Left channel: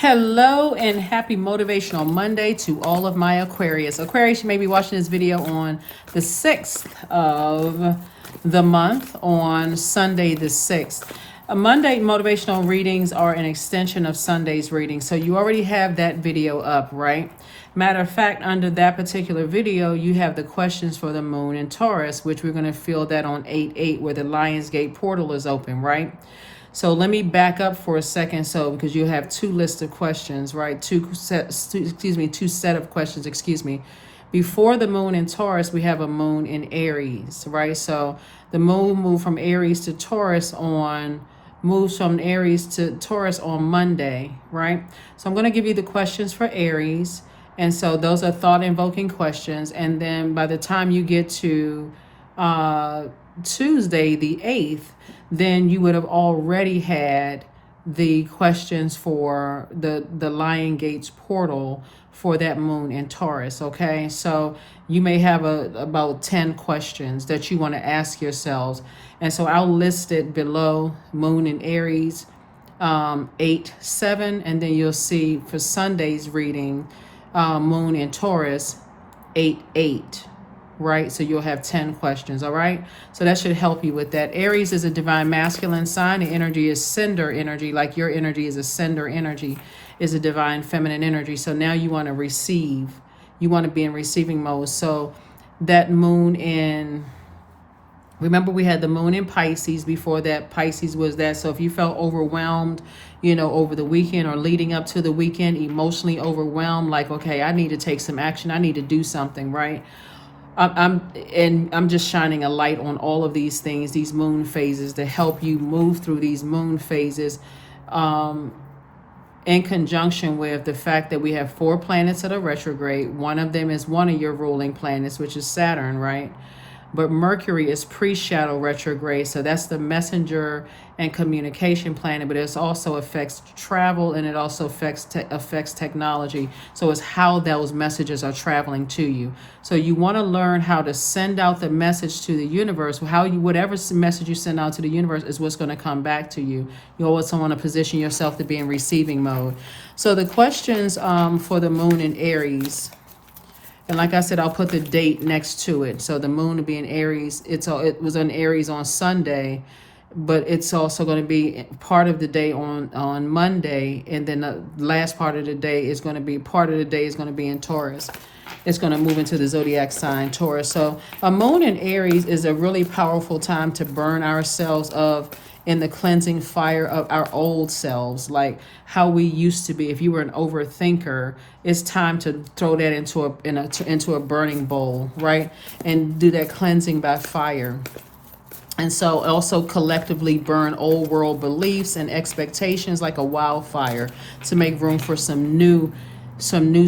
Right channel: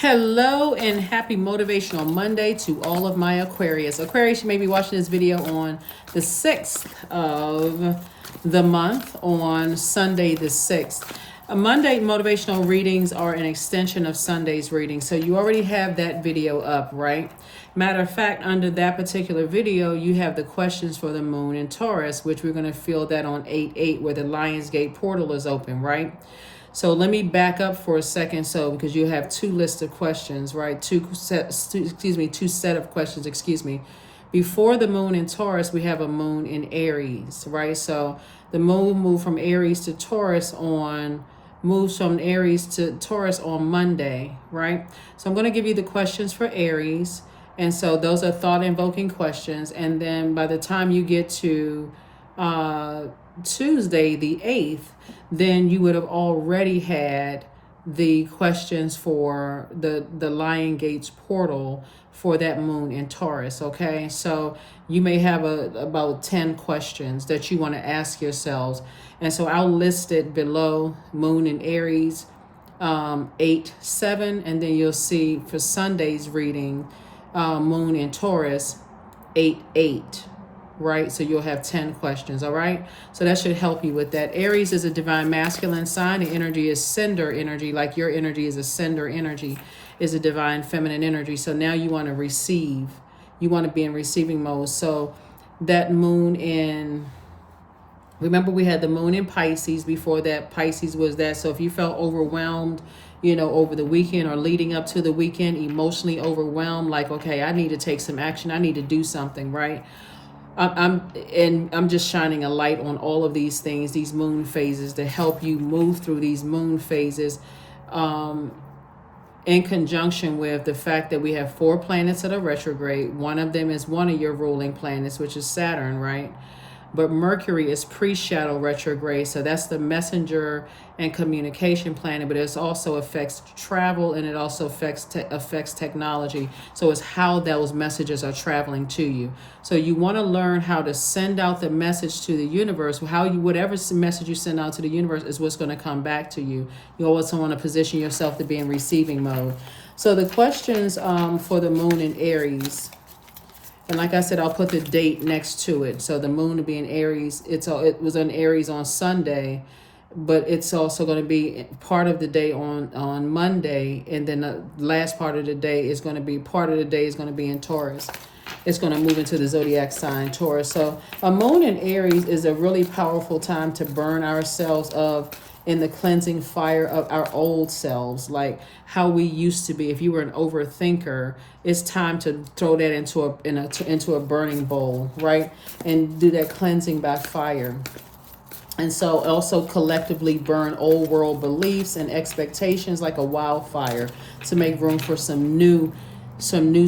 Hello and happy Motivational Monday to all of my Aquarius. Aquarius, you may be watching this video on the 6th of the month, on Sunday the 6th. Monday motivational readings are an extension of Sunday's reading, so you already have that video up, right? Matter of fact, under that particular video, you have the questions for the moon in Taurus, which we're going to feel that on 8/8 where the Lionsgate portal is open, right? So let me back up for a second, because you have two lists of questions, right? Two set of questions, Before the moon in Taurus, we have a moon in Aries, right? So the moon moves from Aries to Taurus on Monday, right? So I'm going to give you the questions for Aries. And so those are thought-invoking questions. And then by the time you get to Tuesday, the 8th, then you would have already had the questions for the Lion Gates portal for that moon in Taurus, okay? So you may have about 10 questions that you want to ask yourselves. And so I'll list it below: moon in Aries, 8/7, and then you'll see for Sunday's reading, moon in Taurus, 8/8. Right? So you'll have 10 questions, all right? So that should help you with that. Aries is a divine masculine sign. The energy is sender energy, like your energy is a sender energy, is a divine feminine energy. So now you want to receive. You want to be in receiving mode. So that moon in, remember we had the moon in Pisces before that. Pisces was that. So if you felt overwhelmed, over the weekend or leading up to the weekend, emotionally overwhelmed, like, okay, I need to take some action. I need to do something, right? I'm just shining a light on all of these things, these moon phases, to help you move through these moon phases, in conjunction with the fact that we have 4 planets that are retrograde. One of them is one of your ruling planets, which is Saturn, right? But Mercury is pre-shadow retrograde, so that's the messenger and communication planet, but it also affects travel, and it also affects technology. So it's how those messages are traveling to you. So you want to learn how to send out the message to the universe. Whatever message you send out to the universe is what's going to come back to you. You always want to position yourself to be in receiving mode. So the questions for the moon in Aries. And like I said, I'll put the date next to it. So the moon will be in Aries. It was in Aries on Sunday, but it's also going to be part of the day on Monday. And then the last part of the day is going to be in Taurus. It's going to move into the Zodiac sign, Taurus. So a moon in Aries is a really powerful time to burn ourselves of in the cleansing fire of our old selves, like how we used to be. If you were an overthinker, it's time to throw that into a burning bowl, right? And do that cleansing by fire. And so also collectively burn old world beliefs and expectations like a wildfire to make room for some new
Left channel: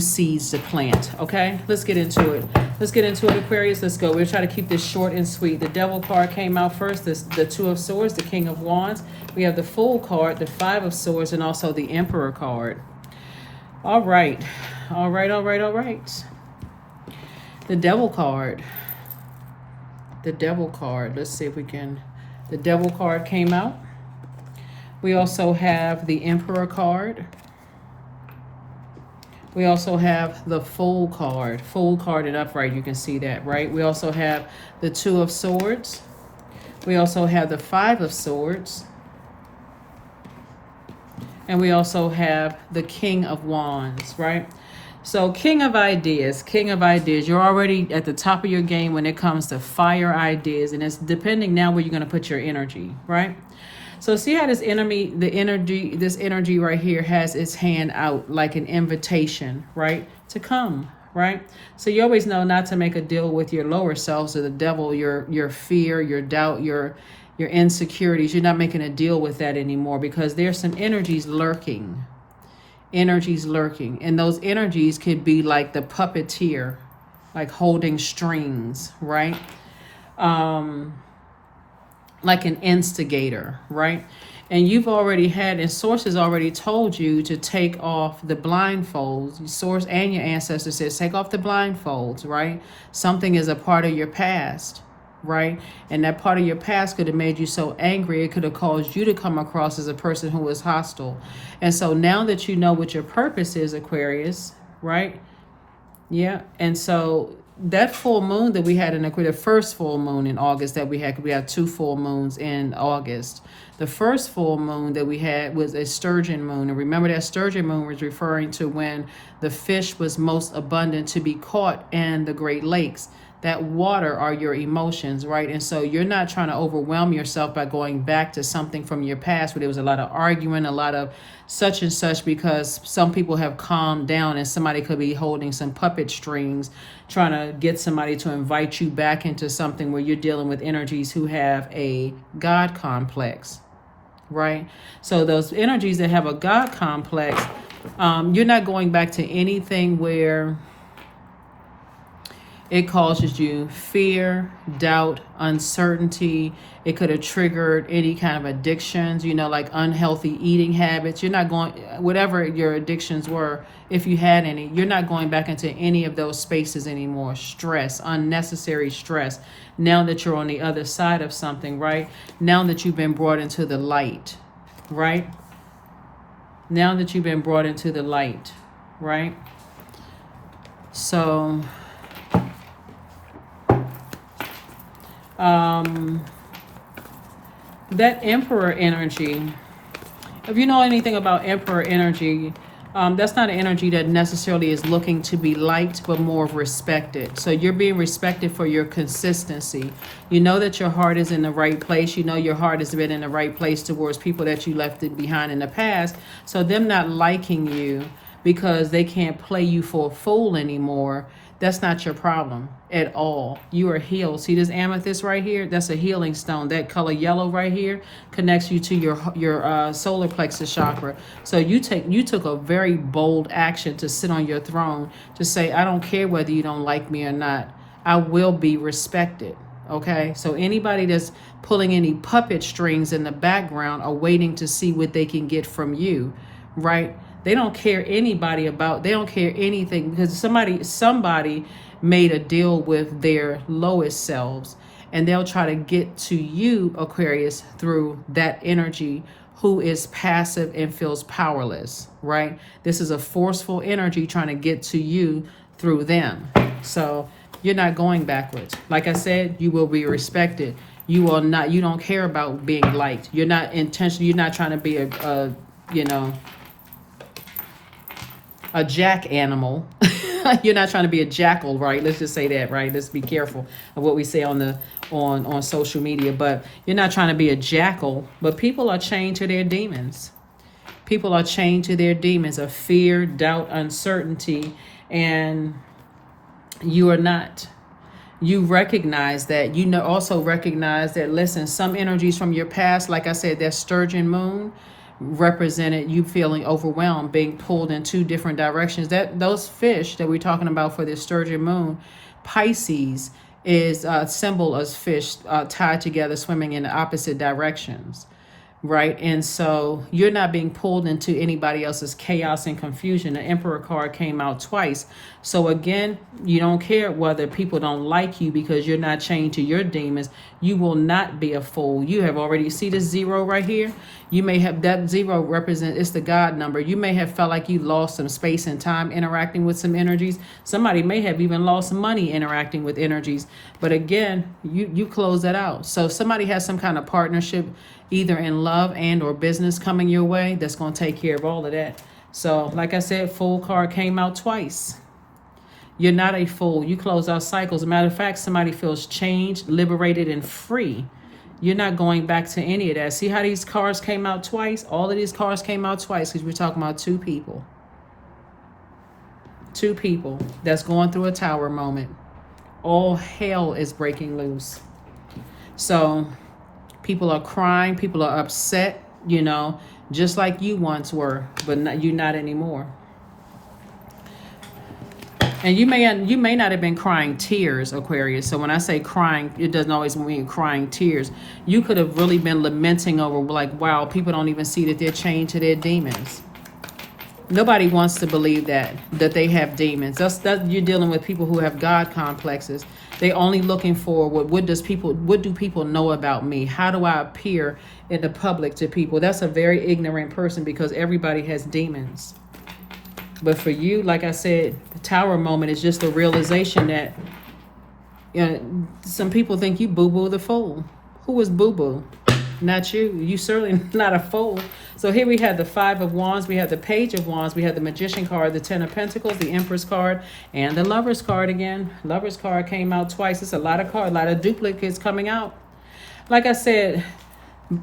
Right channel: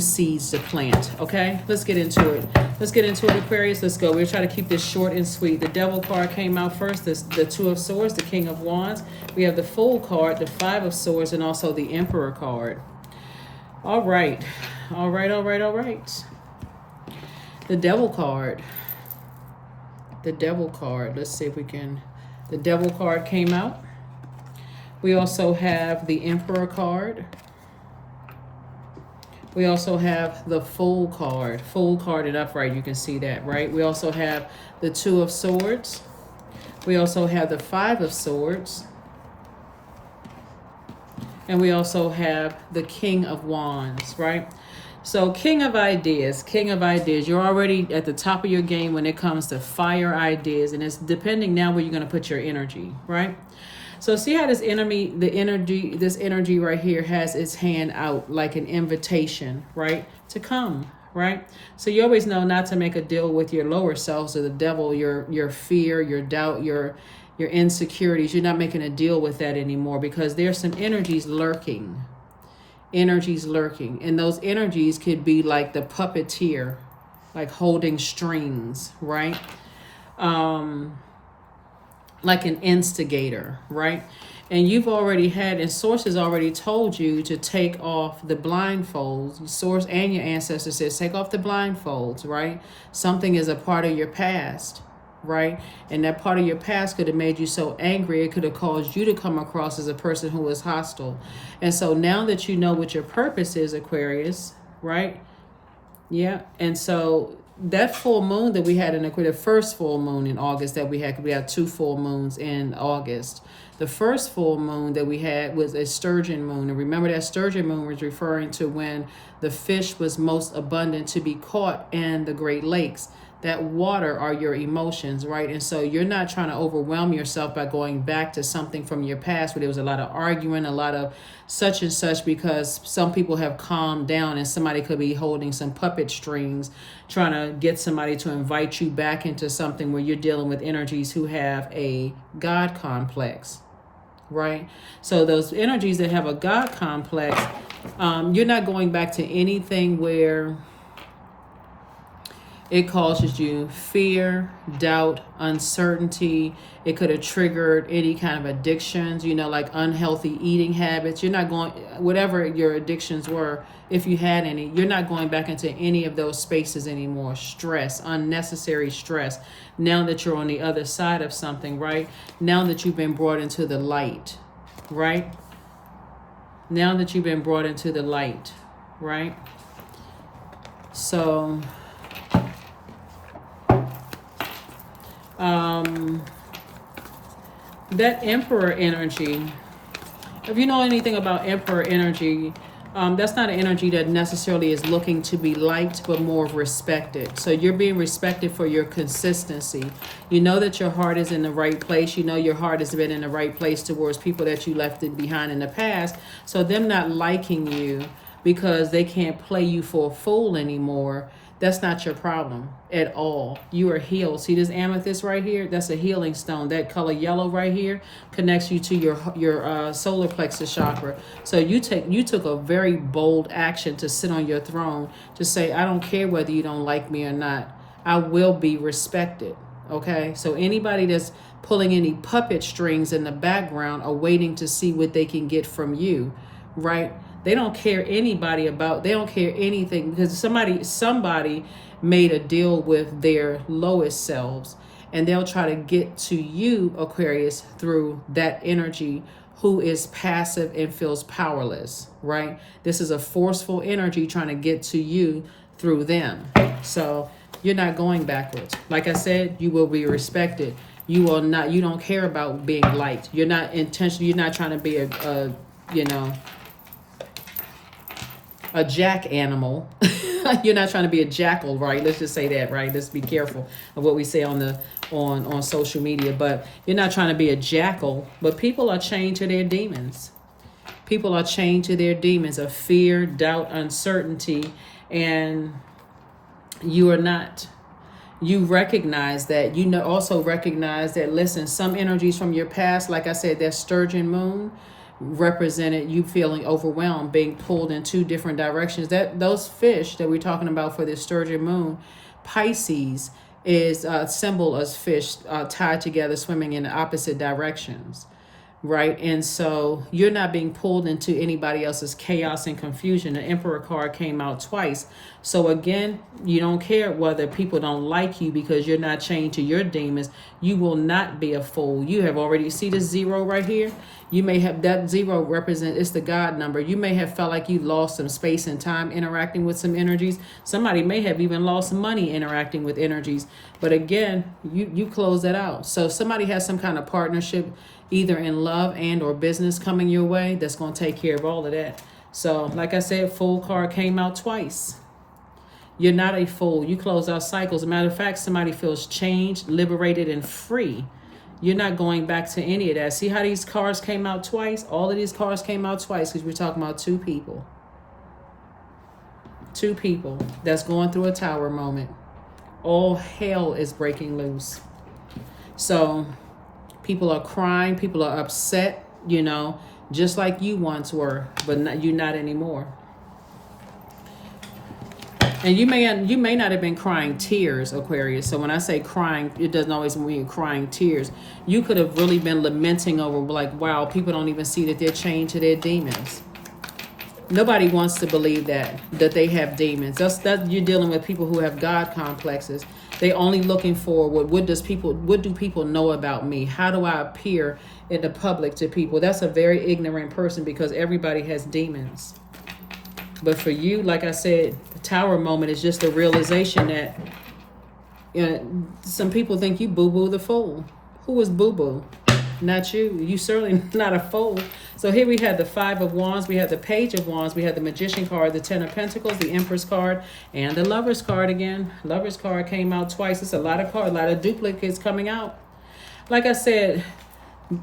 seeds to plant. Okay, let's get into it. Aquarius. Let's go. We're trying to keep this short and sweet. The Devil card came out first. The Two of Swords, the King of Wands. We have the Fool card, the Five of Swords, and also the Emperor card. All right. The Devil card. Let's see if we can. The Devil card came out. We also have the Emperor card. We also have the Fool card and upright. You can see that, right? We also have the Two of Swords. We also have the Five of Swords. And we also have the King of Wands, right? So King of Ideas. You're already at the top of your game when it comes to fire ideas. And it's depending now where you're going to put your energy, right? So see how this energy right here has its hand out like an invitation, right? To come, right? So you always know not to make a deal with your lower selves or the devil, your fear, your doubt, your insecurities. You're not making a deal with that anymore, because there's some energies lurking. And those energies could be like the puppeteer, like holding strings, right? Like an instigator, right? And you've already had, and sources already told you to take off the blindfolds. Source and your ancestors says take off the blindfolds, right? Something is a part of your past right? And that part of your past could have made you so angry, it could have caused you to come across as a person who was hostile. And so now that you know what your purpose is, Aquarius, right? Yeah. And so that full moon that we had in the first full moon in August that we had 2 full moons in August. The first full moon that we had was a sturgeon moon. And remember, that sturgeon moon was referring to when the fish was most abundant to be caught in the Great Lakes. That water are your emotions, right? And so you're not trying to overwhelm yourself by going back to something from your past where there was a lot of arguing, a lot of such and such, because some people have calmed down and somebody could be holding some puppet strings trying to get somebody to invite you back into something where you're dealing with energies who have a God complex, right? So those energies that have a God complex, you're not going back to anything where it causes you fear, doubt, uncertainty. It could have triggered any kind of addictions, like unhealthy eating habits. You're not going, whatever your addictions were, if you had any, you're not going back into any of those spaces anymore. Stress, unnecessary stress. Now that you're on the other side of something, right? Now that you've been brought into the light, right? Now that you've been brought into the light, right? So that Emperor energy, if you know anything about Emperor energy, that's not an energy that necessarily is looking to be liked, but more of respected. So you're being respected for your consistency. You know that your heart is in the right place. You know your heart has been in the right place towards people that you left it behind in the past. So them not liking you because they can't play you for a fool anymore, that's not your problem at all. You are healed. See this amethyst right here? That's a healing stone. That color yellow right here connects you to your solar plexus chakra. So you took a very bold action to sit on your throne to say, I don't care whether you don't like me or not. I will be respected. Okay? So anybody that's pulling any puppet strings in the background are waiting to see what they can get from you, right? They don't care they don't care anything, because somebody made a deal with their lowest selves, and they'll try to get to you, Aquarius, through that energy who is passive and feels powerless, right? This is a forceful energy trying to get to you through them. So you're not going backwards. Like I said, you will be respected. You don't care about being liked. You're not trying to be a jack animal. You're not trying to be a jackal, right? Let's just say that, right? Let's be careful of what we say on social media. But you're not trying to be a jackal. But people are chained to their demons. People are chained to their demons of fear, doubt, uncertainty, and you are not. You recognize that. Also recognize that, listen, some energies from your past, like I said, that sturgeon moon, represented you feeling overwhelmed, being pulled in 2 different directions. Those fish that we're talking about for this sturgeon moon, Pisces, is a symbol of fish tied together, swimming in the opposite directions, right? And so you're not being pulled into anybody else's chaos and confusion. The Emperor card came out twice. So again, you don't care whether people don't like you because you're not chained to your demons. You will not be a fool. You have already see the 0 right here. You may have that 0 it's the God number. You may have felt like you lost some space and time interacting with some energies. Somebody may have even lost money interacting with energies. But again, you close that out. So if somebody has some kind of partnership, either in love and or business coming your way, that's going to take care of all of that. So like I said, Fool card came out twice. You're not a fool. You close out cycles. As a matter of fact, somebody feels changed, liberated, and free. You're not going back to any of that. See how these cards came out twice? All of these cards came out twice because we're talking about 2 people. 2 people that's going through a tower moment. All hell is breaking loose. So people are crying. People are upset, just like you once were, but you're not anymore. And you may not have been crying tears, Aquarius. So when I say crying, it doesn't always mean crying tears. You could have really been lamenting over, like, wow, people don't even see that they're chained to their demons. Nobody wants to believe that they have demons. That's you're dealing with people who have God complexes. They only looking for what do people know about me? How do I appear in the public to people? That's a very ignorant person, because everybody has demons. But for you, like I said, the tower moment is just a realization that, you know, some people think you boo-boo the fool. Who is boo-boo? Not you. You certainly not a fool. So here we have the Five of Wands, we have the Page of Wands, we have the Magician card, the Ten of Pentacles, the Empress card, and the Lover's card again. Lover's card came out twice. It's a lot of cards, a lot of duplicates coming out. Like I said,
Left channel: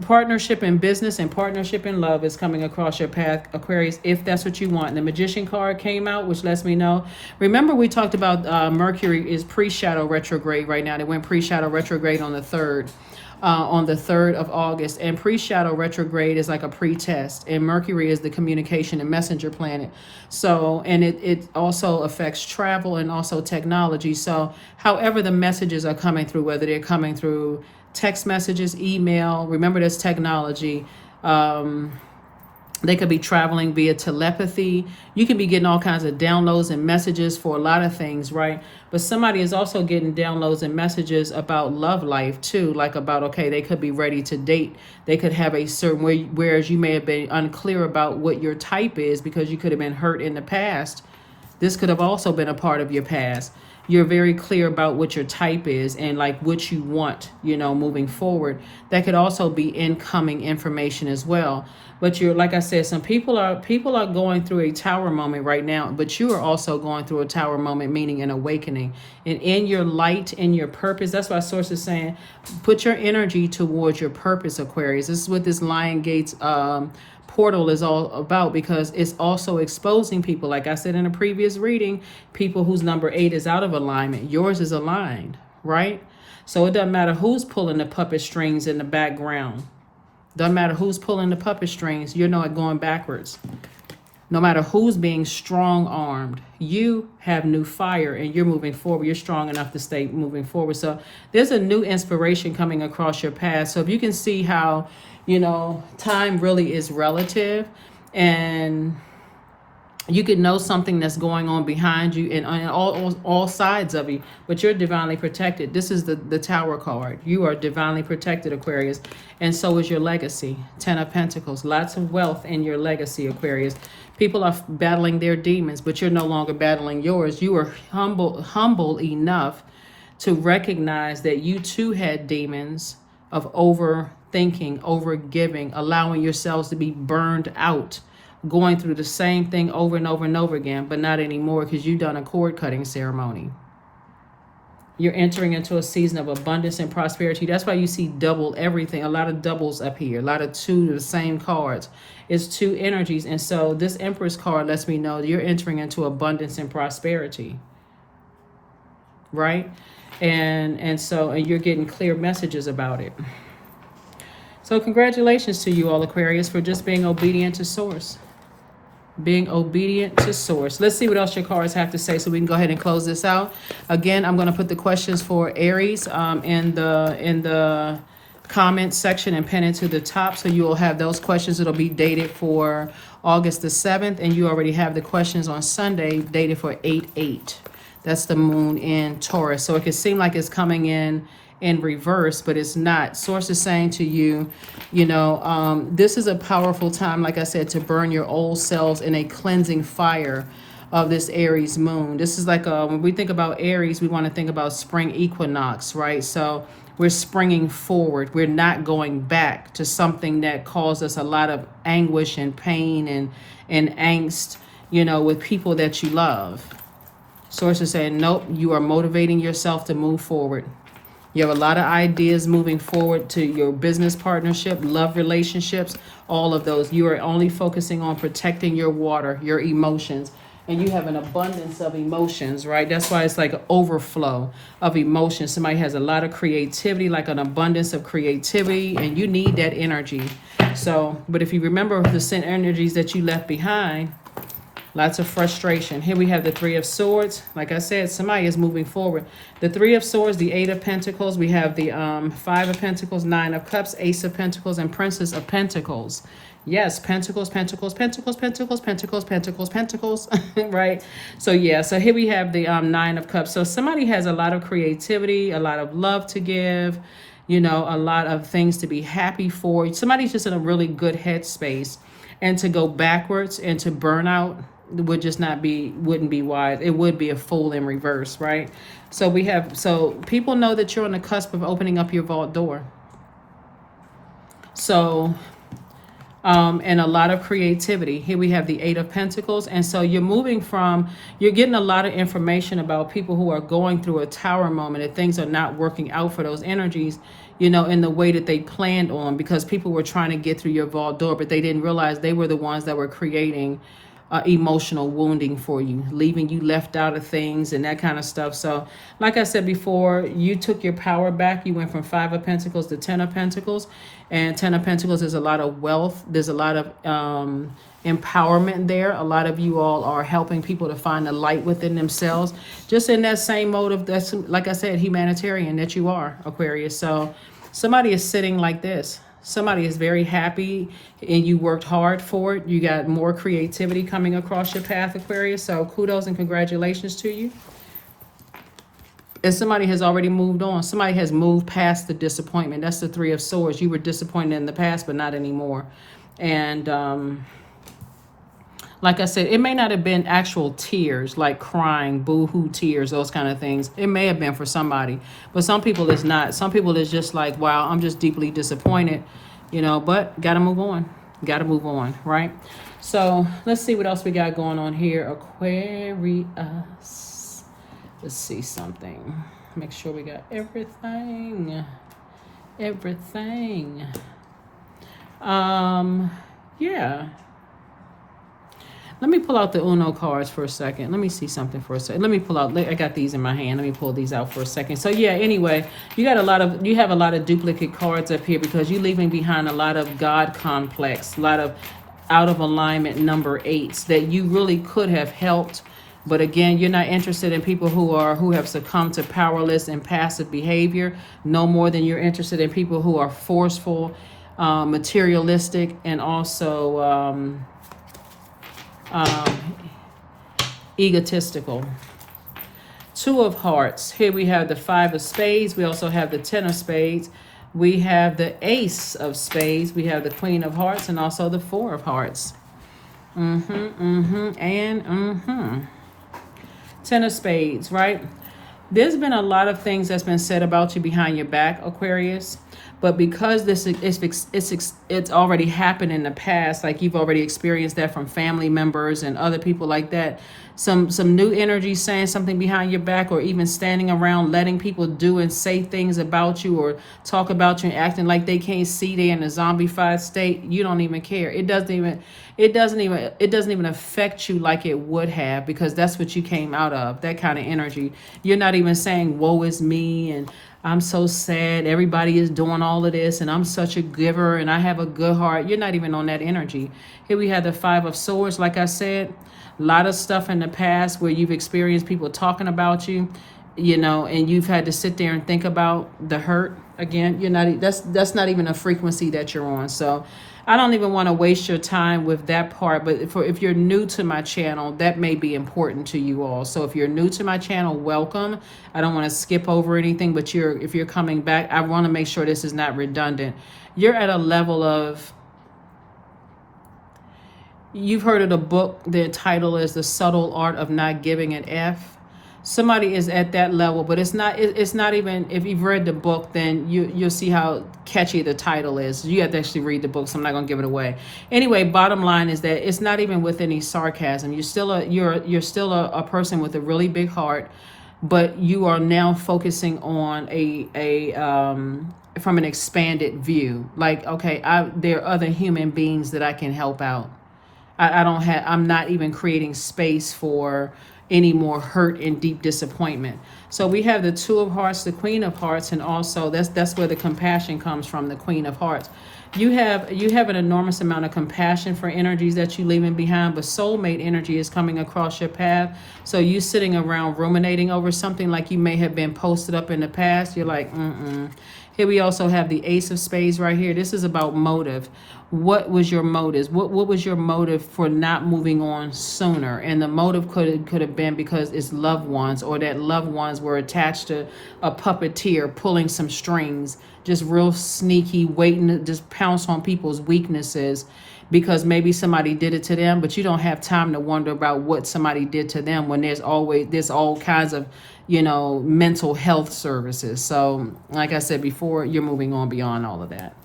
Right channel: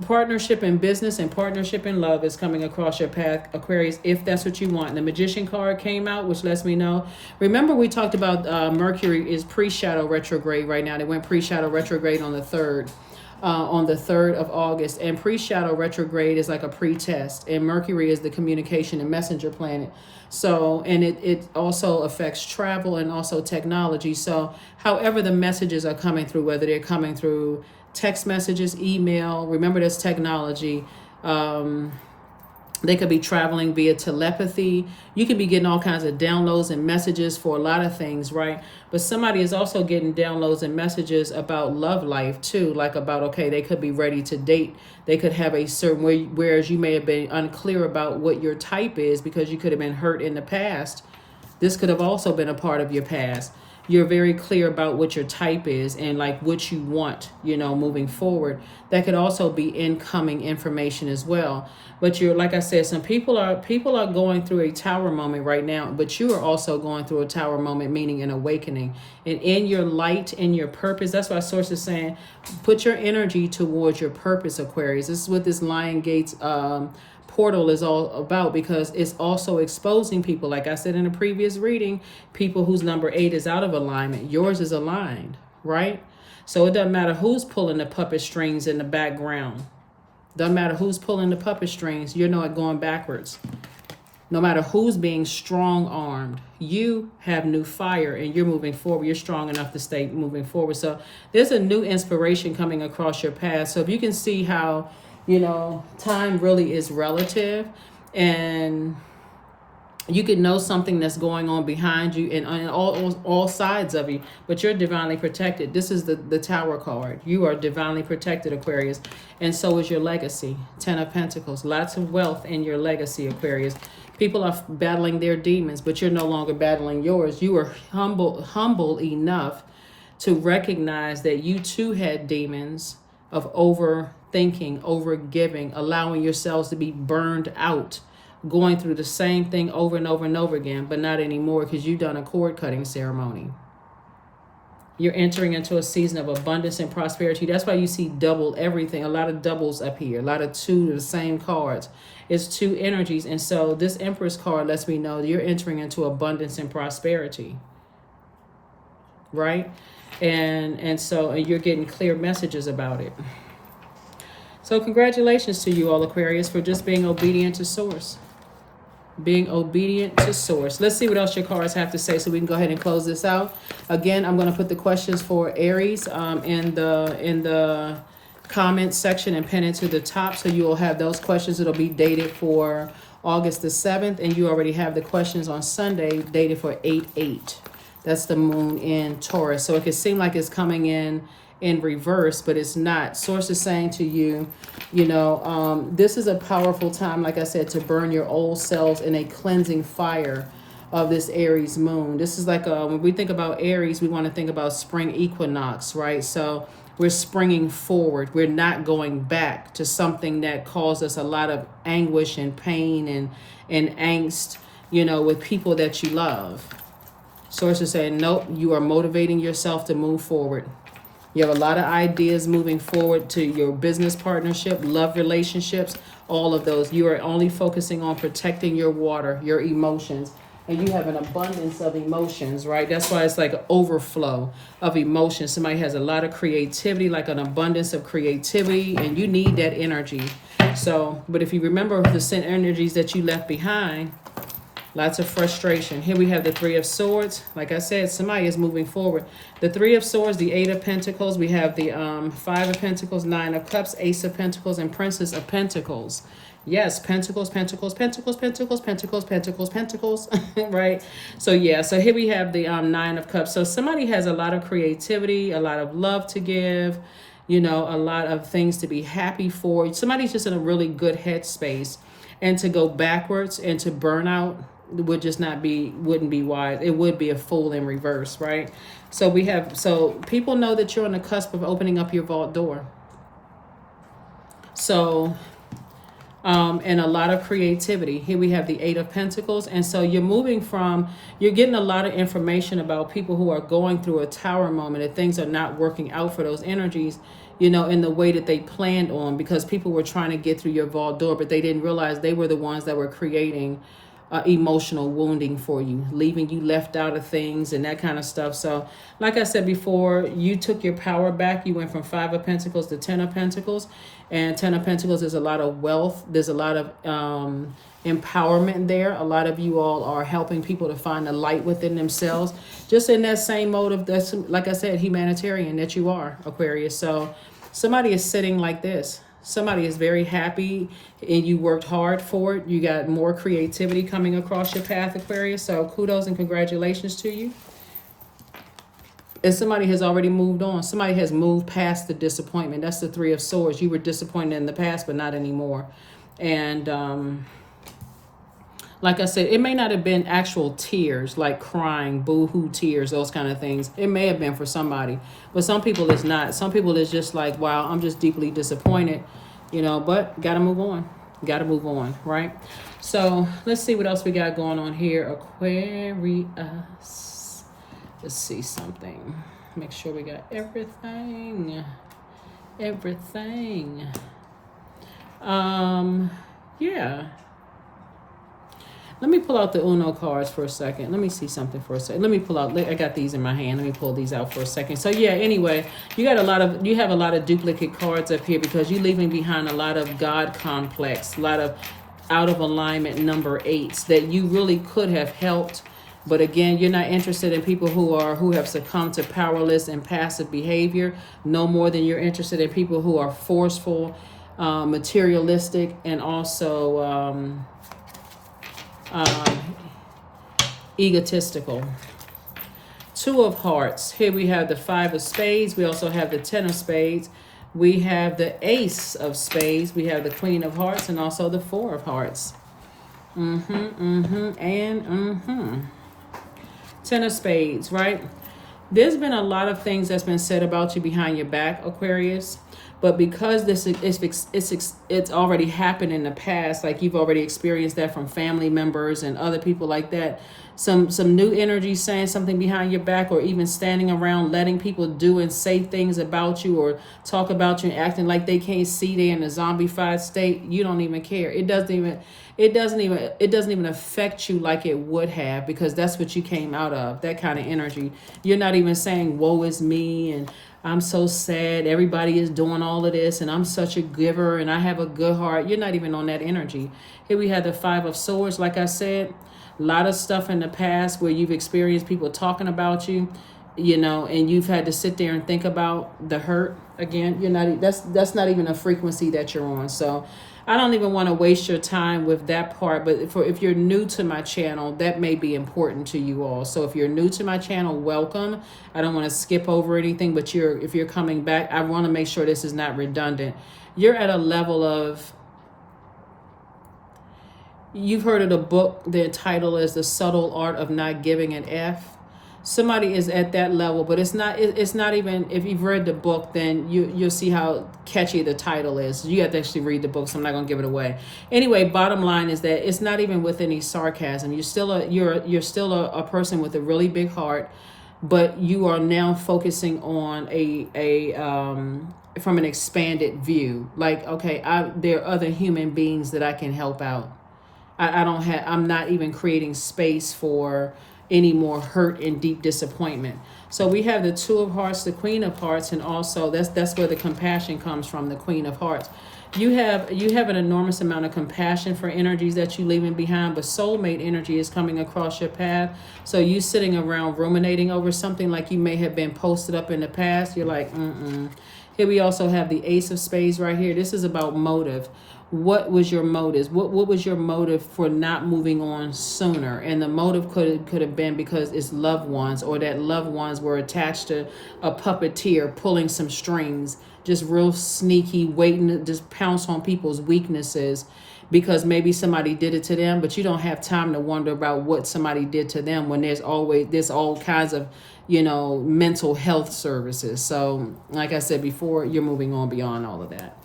partnership in business and partnership in love is coming across your path, Aquarius, if that's what you want. And the Magician card came out, which lets me know. Remember, we talked about Mercury is pre-shadow retrograde right now. They went pre-shadow retrograde on the 3rd. On the 3rd of August, and pre-shadow retrograde is like a pre-test, and Mercury is the communication and messenger planet. So, and it also affects travel and also technology. So however the messages are coming through, whether they're coming through text messages, email, remember that's technology. They could be traveling via telepathy. You can be getting all kinds of downloads and messages for a lot of things, right? But somebody is also getting downloads and messages about love life too, like about, okay, they could be ready to date. They could have a certain way, whereas you may have been unclear about what your type is because you could have been hurt in the past. This could have also been a part of your past. You're very clear about what your type is and like what you want, you know, moving forward. That could also be incoming information as well. But you're, like I said, some people are going through a tower moment right now, but you are also going through a tower moment, meaning an awakening. And in your light, in your purpose, that's why Source is saying, put your energy towards your purpose, Aquarius. This is what this Lion Gates portal is all about, because it's also exposing people. Like I said in a previous reading, people whose number 8 is out of alignment. Yours is aligned, right? So it doesn't matter who's pulling the puppet strings in the background. Doesn't matter who's pulling the puppet strings. You're not going backwards. No matter who's being strong-armed, you have new fire and you're moving forward. You're strong enough to stay moving forward. So there's a new inspiration coming across your path. So if you can see how, you know, time really is relative, and you could know something that's going on behind you and on all sides of you, but you're divinely protected. This is the Tower card. You are divinely protected, Aquarius, and so is your legacy. 10 of Pentacles, lots of wealth in your legacy, Aquarius. People are battling their demons, but you're no longer battling yours. You are humble enough to recognize that you too had demons of overthinking, overgiving, allowing yourselves to be burned out, going through the same thing over and over and over again, but not anymore because you've done a cord cutting ceremony. You're entering into a season of abundance and prosperity. That's why you see double everything, a lot of doubles up here, a lot of two, the same cards. It's two energies. And so this Empress card lets me know that you're entering into abundance and prosperity, right? And you're getting clear messages about it. So congratulations to you all, Aquarius, for just being obedient to Source. Being obedient to Source. Let's see what else your cards have to say so we can go ahead and close this out. Again, I'm going to put the questions for Aries in the comment section and pin it to the top, so you will have those questions. It'll be dated for August the 7th, and you already have the questions on Sunday dated for 8/8. That's the moon in Taurus. So it can seem like it's coming in reverse, but it's not. Source is saying to you, you know, this is a powerful time, like I said, to burn your old selves in a cleansing fire of this Aries moon. This is like when we think about Aries, we want to think about spring equinox, right? So we're springing forward. We're not going back to something that caused us a lot of anguish and pain and angst, you know, with people that you love. Source is saying, nope, you are motivating yourself to move forward. You have a lot of ideas moving forward to your business partnership, love relationships, all of those. You are only focusing on protecting your water, your emotions. And you have an abundance of emotions, right? That's why it's like an overflow of emotions. Somebody has a lot of creativity, like an abundance of creativity, and you need that energy. So, but if you remember the sin energies that you left behind, lots of frustration. Here we have the Three of Swords. Like I said, somebody is moving forward. The Three of Swords, the Eight of Pentacles. We have the Five of Pentacles, Nine of Cups, Ace of Pentacles, and Princess of Pentacles. Yes, pentacles, pentacles, pentacles, pentacles, pentacles, pentacles, pentacles, right? So yeah, so here we have the Nine of Cups. So somebody has a lot of creativity, a lot of love to give, you know, a lot of things to be happy for. Somebody's just in a really good headspace. And to go backwards and to burn out would just not be, wouldn't be wise. It would be a fool in reverse, right? So we have, so people know that you're on the cusp of opening up your vault door. So and a lot of creativity. Here we have the Eight of Pentacles. And so you're moving from, you're getting a lot of information about people who are going through a tower moment and things are not working out for those energies, you know, in the way that they planned on, because people were trying to get through your vault door, but they didn't realize they were the ones that were creating emotional wounding for you, leaving you left out of things and that kind of stuff. So like I said before, you took your power back. You went from Five of Pentacles to Ten of Pentacles, and Ten of Pentacles is a lot of wealth. There's a lot of empowerment there. A lot of you all are helping people to find the light within themselves, just in that same mode of, that's, like I said, humanitarian that you are, Aquarius. So somebody is sitting like this. Somebody is very happy and you worked hard for it. You got more creativity coming across your path, Aquarius. So kudos and congratulations to you. And somebody has already moved on. Somebody has moved past the disappointment. That's the Three of Swords. You were disappointed in the past, but not anymore. And like I said, it may not have been actual tears, like crying, boo-hoo tears, those kind of things. It may have been for somebody, but some people it's not. Some people it's just like, wow, I'm just deeply disappointed, you know, but got to move on. Got to move on, right? So let's see what else we got going on here. Aquarius. Let's see something. Make sure we got everything. Everything. Yeah. Let me pull out the Uno cards for a second. Let me see something for a second. Let me pull out, I got these in my hand. Let me pull these out for a second. So yeah, anyway, you have a lot of duplicate cards up here because you're leaving behind a lot of God complex, a lot of out of alignment number 8s that you really could have helped. But again, you're not interested in people who have succumbed to powerless and passive behavior, no more than you're interested in people who are forceful, materialistic, and also egotistical. Two of Hearts. Here we have the Five of Spades. We also have the Ten of Spades. We have the Ace of Spades. We have the Queen of Hearts and also the Four of Hearts. Ten of Spades, right? There's been a lot of things that's been said about you behind your back, Aquarius. But because it's already happened in the past, like you've already experienced that from family members and other people like that, some new energy saying something behind your back, or even standing around letting people do and say things about you or talk about you and acting like they can't see they're in a zombified state. You don't even care. It doesn't even affect you like it would have, because that's what you came out of, that kind of energy. You're not even saying woe is me and I'm so sad, everybody is doing all of this, and I'm such a giver, and I have a good heart. You're not even on that energy. Here we have the Five of Swords, like I said. A lot of stuff in the past where you've experienced people talking about you, you know, and you've had to sit there and think about the hurt. Again, you're not, that's not even a frequency that you're on. So I don't even want to waste your time with that part, but if you're new to my channel, that may be important to you all. So if you're new to my channel, welcome. I don't want to skip over anything, but if you're coming back, I want to make sure this is not redundant. You're at a level of, you've heard of the book, the title is The Subtle Art of Not Giving an F. Somebody is at that level, but it's not even, if you've read the book, then you'll see how catchy the title is. You have to actually read the book, so I'm not going to give it away. Anyway, bottom line is that it's not even with any sarcasm. You're still a person with a really big heart, but you are now focusing on from an expanded view. Like, okay, there are other human beings that I can help out. I'm not even creating space for any more hurt and deep disappointment. So we have the Two of Hearts, the Queen of Hearts, and also that's where the compassion comes from, the Queen of Hearts. You have an enormous amount of compassion for energies that you're leaving behind, but soulmate energy is coming across your path. So you sitting around ruminating over something like you may have been posted up in the past. You're like, Here we also have the Ace of Spades right here. This is about motive. what was your motives? What was your motive for not moving on sooner? And the motive could have been because it's loved ones, or that loved ones were attached to a puppeteer pulling some strings, just real sneaky, waiting to just pounce on people's weaknesses because maybe somebody did it to them, but you don't have time to wonder about what somebody did to them when there's all kinds of, mental health services. So like I said before, you're moving on beyond all of that.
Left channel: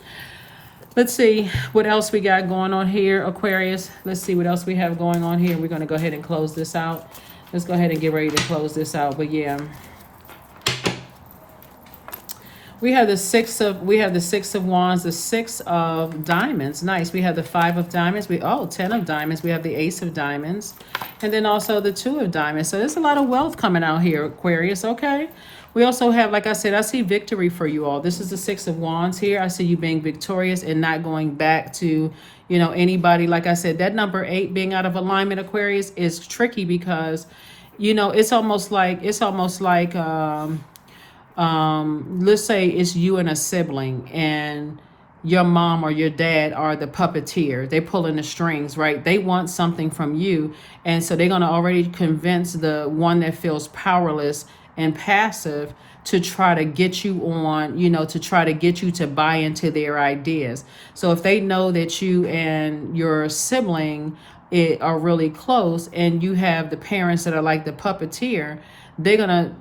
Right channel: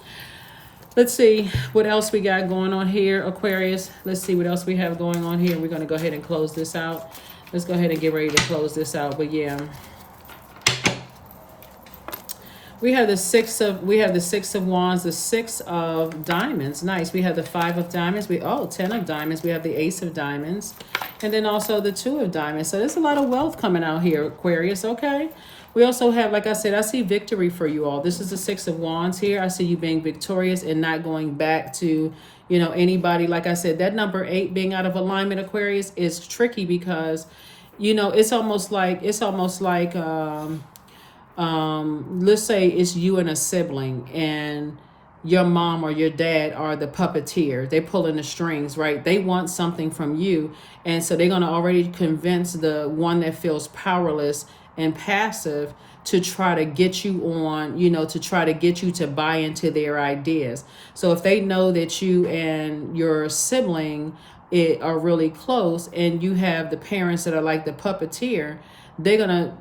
Let's see what else we got going on here, Aquarius. Let's see what else we have going on here. We're going to go ahead and close this out. Let's go ahead and get ready to close this out. But yeah, we have the six of wands, the 6 of diamonds. Nice. We have the 5 of diamonds. 10 of diamonds. We have the ace of diamonds, and then also the 2 of diamonds. So there's a lot of wealth coming out here, Aquarius. Okay. We also have, like I said, I see victory for you all. This is the 6 of wands here. I see you being victorious and not going back to, anybody. Like I said, that number 8 being out of alignment, Aquarius, is tricky because, it's almost like let's say it's you and a sibling, and your mom or your dad are the puppeteer. They're pulling the strings, right? They want something from you, and so they're going to already convince the one that feels powerless and passive to try to get you on, to try to get you to buy into their ideas. So if they know that you and your sibling are really close, and you have the parents that are like the puppeteer, they're gonna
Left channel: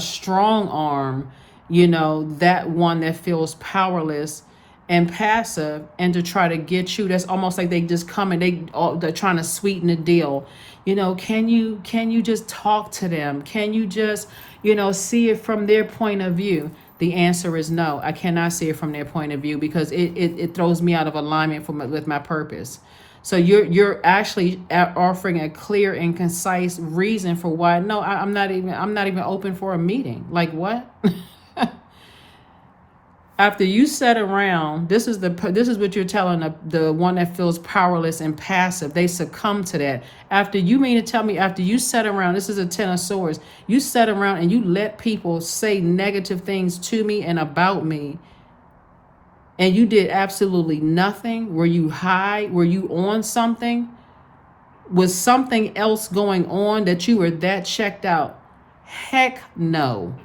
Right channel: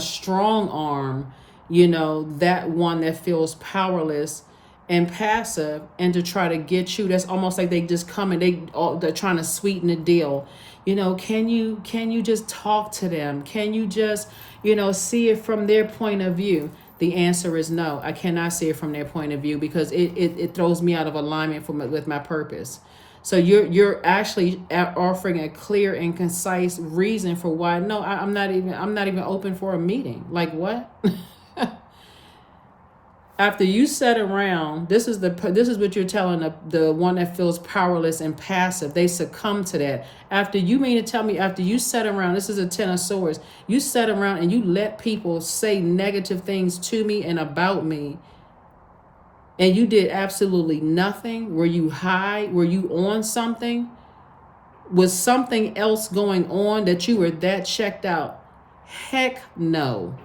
strong arm, that one that feels powerless and passive, and to try to get you. That's almost like they just come and they're trying to sweeten the deal. Can you just talk to them? Can you just, see it from their point of view? The answer is no. I cannot see it from their point of view because it throws me out of alignment with my purpose. So you're actually offering a clear and concise reason for why. No, I'm not even open for a meeting. Like what? After you sat around, this is what you're telling the one that feels powerless and passive. They succumb to that. After you sat around, this is a 10 of swords. You sat around and you let people say negative things to me and about me, and you did absolutely nothing. Were you high? Were you on something? Was something else going on that you were that checked out? Heck no.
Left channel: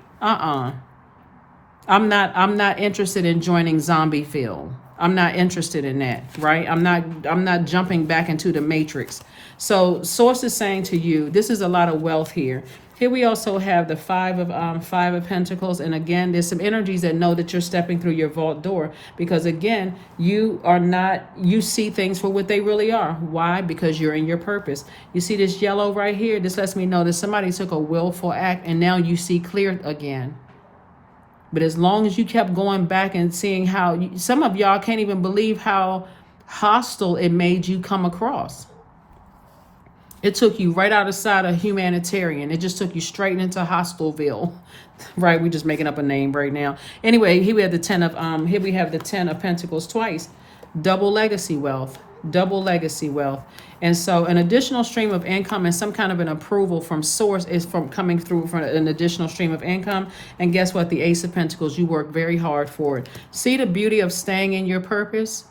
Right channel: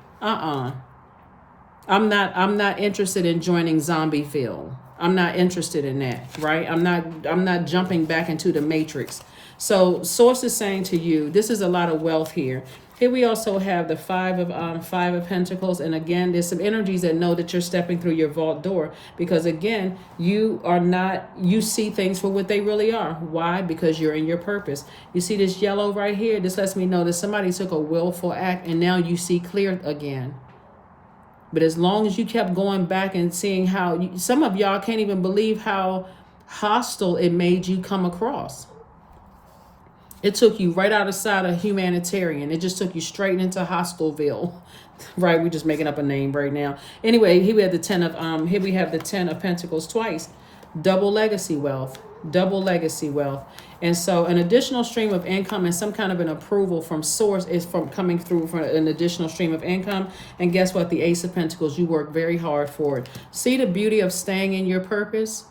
I'm not interested in joining Zombieville. I'm not interested in that, right? I'm not jumping back into the matrix. So source is saying to you, this is a lot of wealth here. Here we also have the 5 of Pentacles, and again, there's some energies that know that you're stepping through your vault door, because again, you see things for what they really are. Why? Because you're in your purpose. You see this yellow right here? This lets me know that somebody took a willful act, and now you see clear again. But as long as you kept going back and seeing how some of y'all can't even believe how hostile it made you come across. It took you right outside of humanitarian. It just took you straight into Hostelville. Right? We're just making up a name right now. Anyway, here we have the 10 of Pentacles twice. Double legacy wealth. And so an additional stream of income and some kind of an approval from source is coming through for an additional stream of income. And guess what? The Ace of Pentacles, you work very hard for it. See the beauty of staying in your purpose?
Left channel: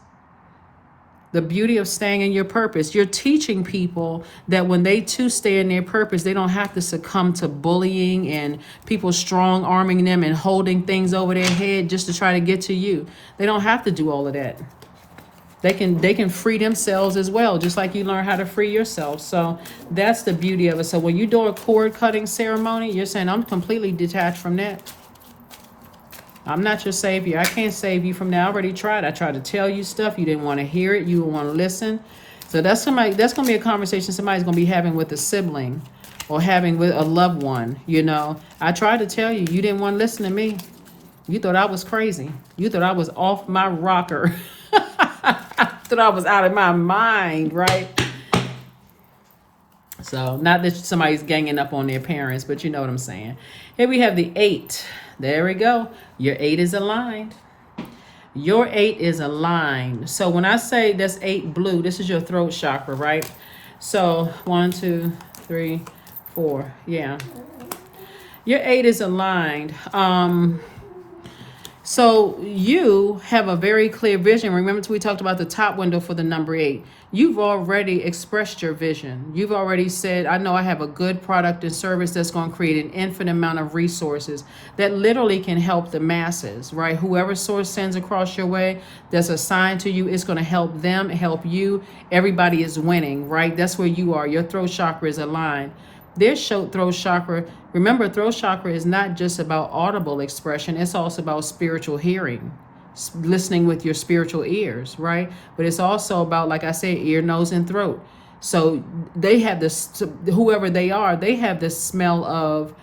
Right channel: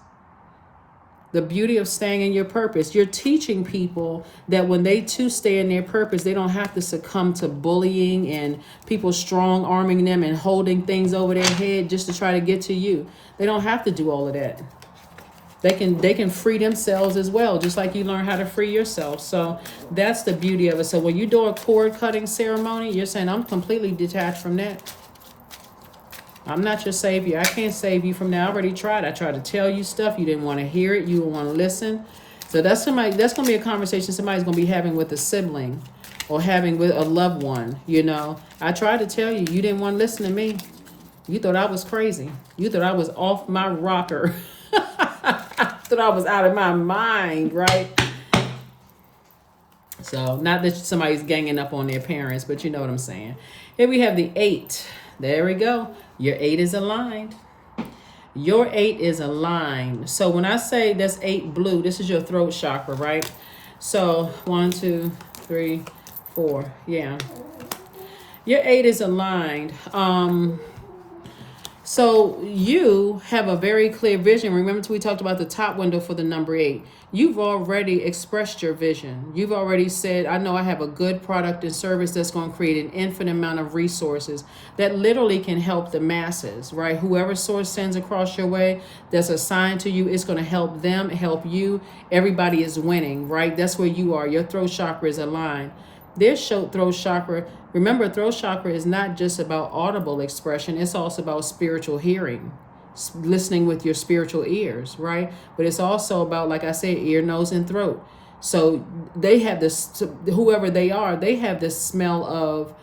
The beauty of staying in your purpose. You're teaching people that when they too stay in their purpose, they don't have to succumb to bullying and people strong arming them and holding things over their head just to try to get to you. They don't have to do all of that. They can free themselves as well, just like you learn how to free yourself. So that's the beauty of it. So when you do a cord cutting ceremony, you're saying, I'm completely detached from that. I'm not your savior. I can't save you from that. I already tried. I tried to tell you stuff. You didn't want to hear it. You didn't want to listen. So that's going to be a conversation somebody's going to be having with a sibling or having with a loved one. I tried to tell you. You didn't want to listen to me. You thought I was crazy. You thought I was off my rocker. Thought I was out of my mind, right? So not that somebody's ganging up on their parents, but you know what I'm saying. Here we have the 8. There we go. Your 8 is aligned. Your 8 is aligned. So when I say that's 8 blue, this is your throat chakra, right? So 1, 2, 3, 4. Yeah. Your 8 is aligned. So you have a very clear vision. Remember, we talked about the top window for the number 8. You've already expressed your vision. You've already said, I know I have a good product and service that's going to create an infinite amount of resources that literally can help the masses, right? Whoever source sends across your way that's assigned to you, it's going to help them, help you. Everybody is winning, right? That's where you are. Your throat chakra is aligned. This throat chakra, remember, throat chakra is not just about audible expression, it's also about spiritual hearing, listening with your spiritual ears, right? But it's also about, like I said, ear, nose, and throat. So they have this, whoever they are, they have this smell of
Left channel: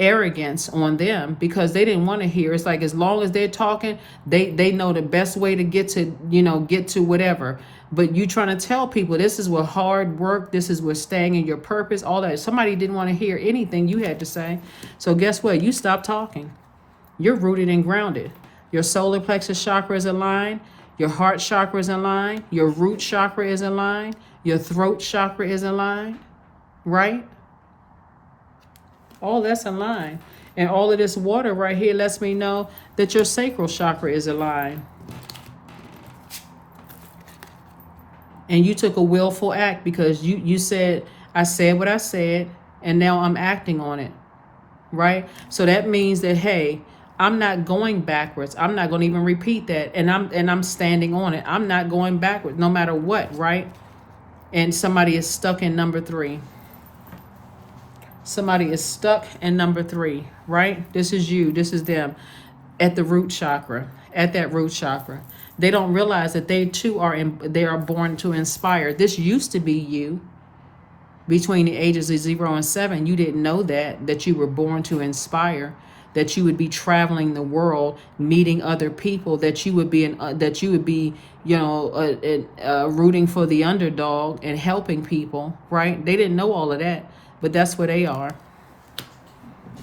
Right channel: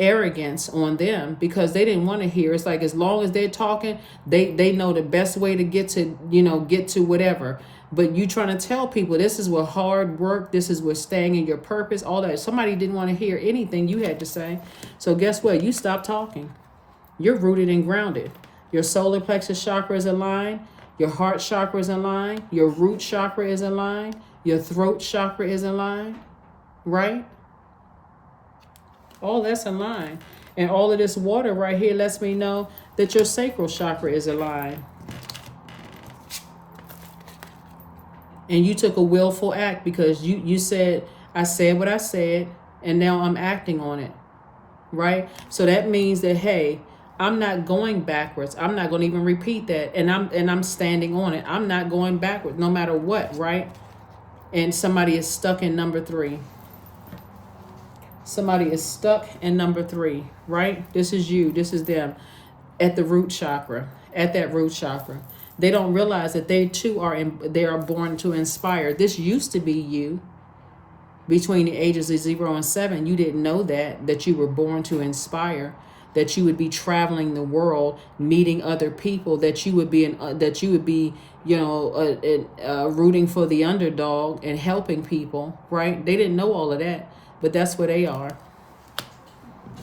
arrogance on them because they didn't want to hear. It's like, as long as they're talking, they know the best way to get to whatever. But you trying to tell people this is what hard work, this is what staying in your purpose, all that. Somebody didn't want to hear anything you had to say. So guess what? You stop talking. You're rooted and grounded. Your solar plexus chakra is aligned. Your heart chakra is aligned. Your root chakra is aligned. Your throat chakra is aligned. Right? All that's aligned. And all of this water right here lets me know that your sacral chakra is aligned. And you took a willful act because you said, I said what I said, and now I'm acting on it, right? So that means that, hey, I'm not going backwards. I'm not going to even repeat that, and I'm standing on it. I'm not going backwards, no matter what, right? And somebody is stuck in number 3. Somebody is stuck in number 3, right? This is you. This is them at the root chakra, at that root chakra. They don't realize that they too they are born to inspire. This used to be you between the ages of 0 and 7. You didn't know that you were born to inspire, that you would be traveling the world, meeting other people, that you would be rooting for the underdog and helping people, right? They didn't know all of that, but that's where they are.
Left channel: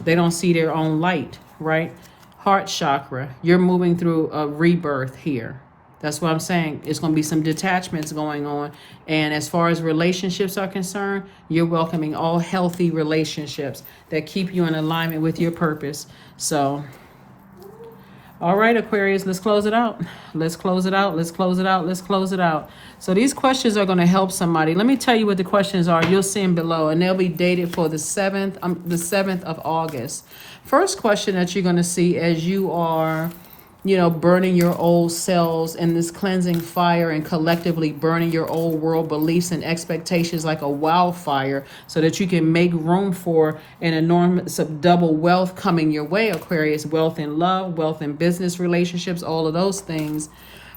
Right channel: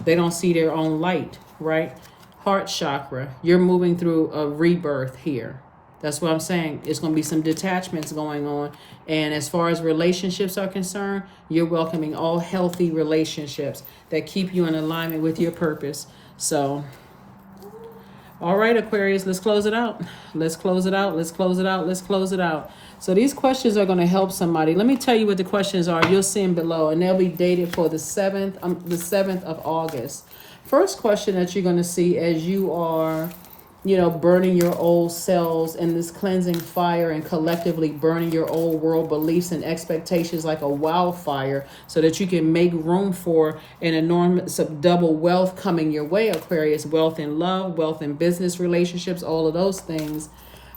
They don't see their own light, right? Heart chakra, you're moving through a rebirth here. That's what I'm saying. It's going to be some detachments going on. And as far as relationships are concerned, you're welcoming all healthy relationships that keep you in alignment with your purpose. So, all right, Aquarius, let's close it out. Let's close it out. Let's close it out. Let's close it out. So these questions are going to help somebody. Let me tell you what the questions are. You'll see them below, and they'll be dated for the 7th of August. First question that you're going to see as you are, burning your old selves in this cleansing fire and collectively burning your old world beliefs and expectations like a wildfire so that you can make room for an enormous double wealth coming your way, Aquarius. Wealth in love, wealth in business relationships, all of those things.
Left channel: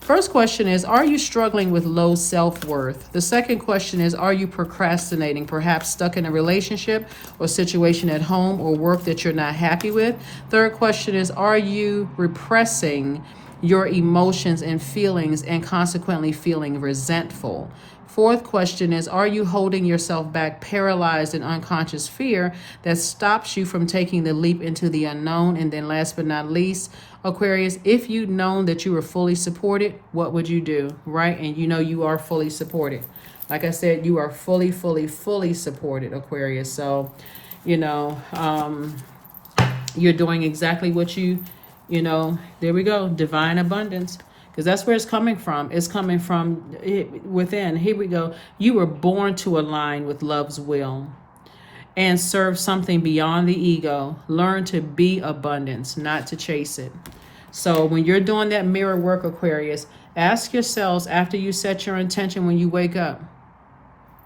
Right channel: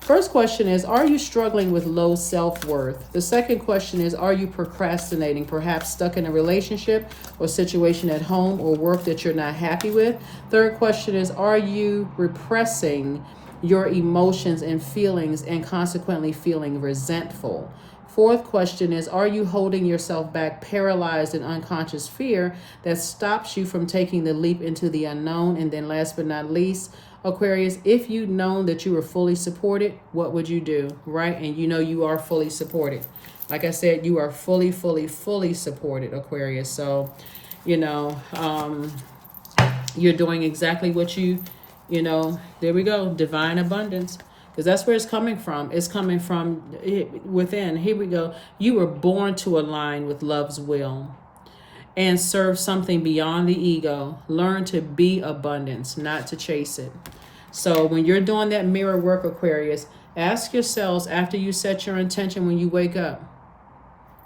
First question is, are you struggling with low self-worth? The second question is, are you procrastinating, perhaps stuck in a relationship or situation at home or work that you're not happy with? Third question is, are you repressing your emotions and feelings and consequently feeling resentful? Fourth question is, are you holding yourself back, paralyzed in unconscious fear that stops you from taking the leap into the unknown? And then last but not least, Aquarius, if you'd known that you were fully supported, what would you do, right? And you are fully supported. Like I said, you are fully, fully, fully supported, Aquarius. So, you're doing exactly what there we go, divine abundance. Because that's where it's coming from. It's coming from within. Here we go. You were born to align with love's will and serve something beyond the ego. Learn to be abundance, not to chase it. So when you're doing that mirror work, Aquarius, ask yourselves after you set your intention when you wake up,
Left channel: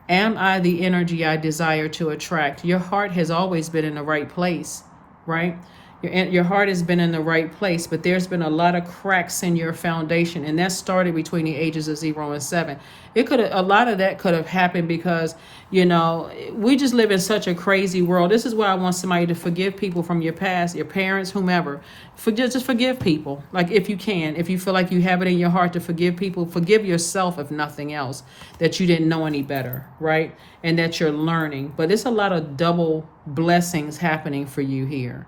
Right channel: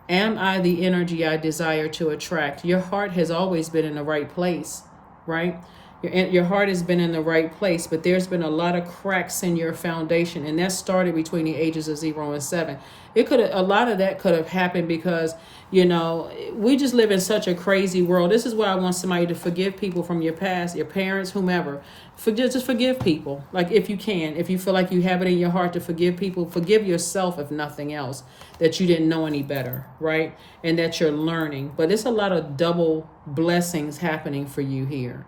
am I the energy I desire to attract? Your heart has always been in the right place, right? Your heart has been in the right place, but there's been a lot of cracks in your foundation, and that started between the ages of 0 and 7. A lot of that could have happened because, we just live in such a crazy world. This is why I want somebody to forgive people from your past, your parents, whomever. Just forgive people, like if you can. If you feel like you have it in your heart to forgive people, forgive yourself if nothing else, that you didn't know any better, right? And that you're learning. But there's a lot of double blessings happening for you here.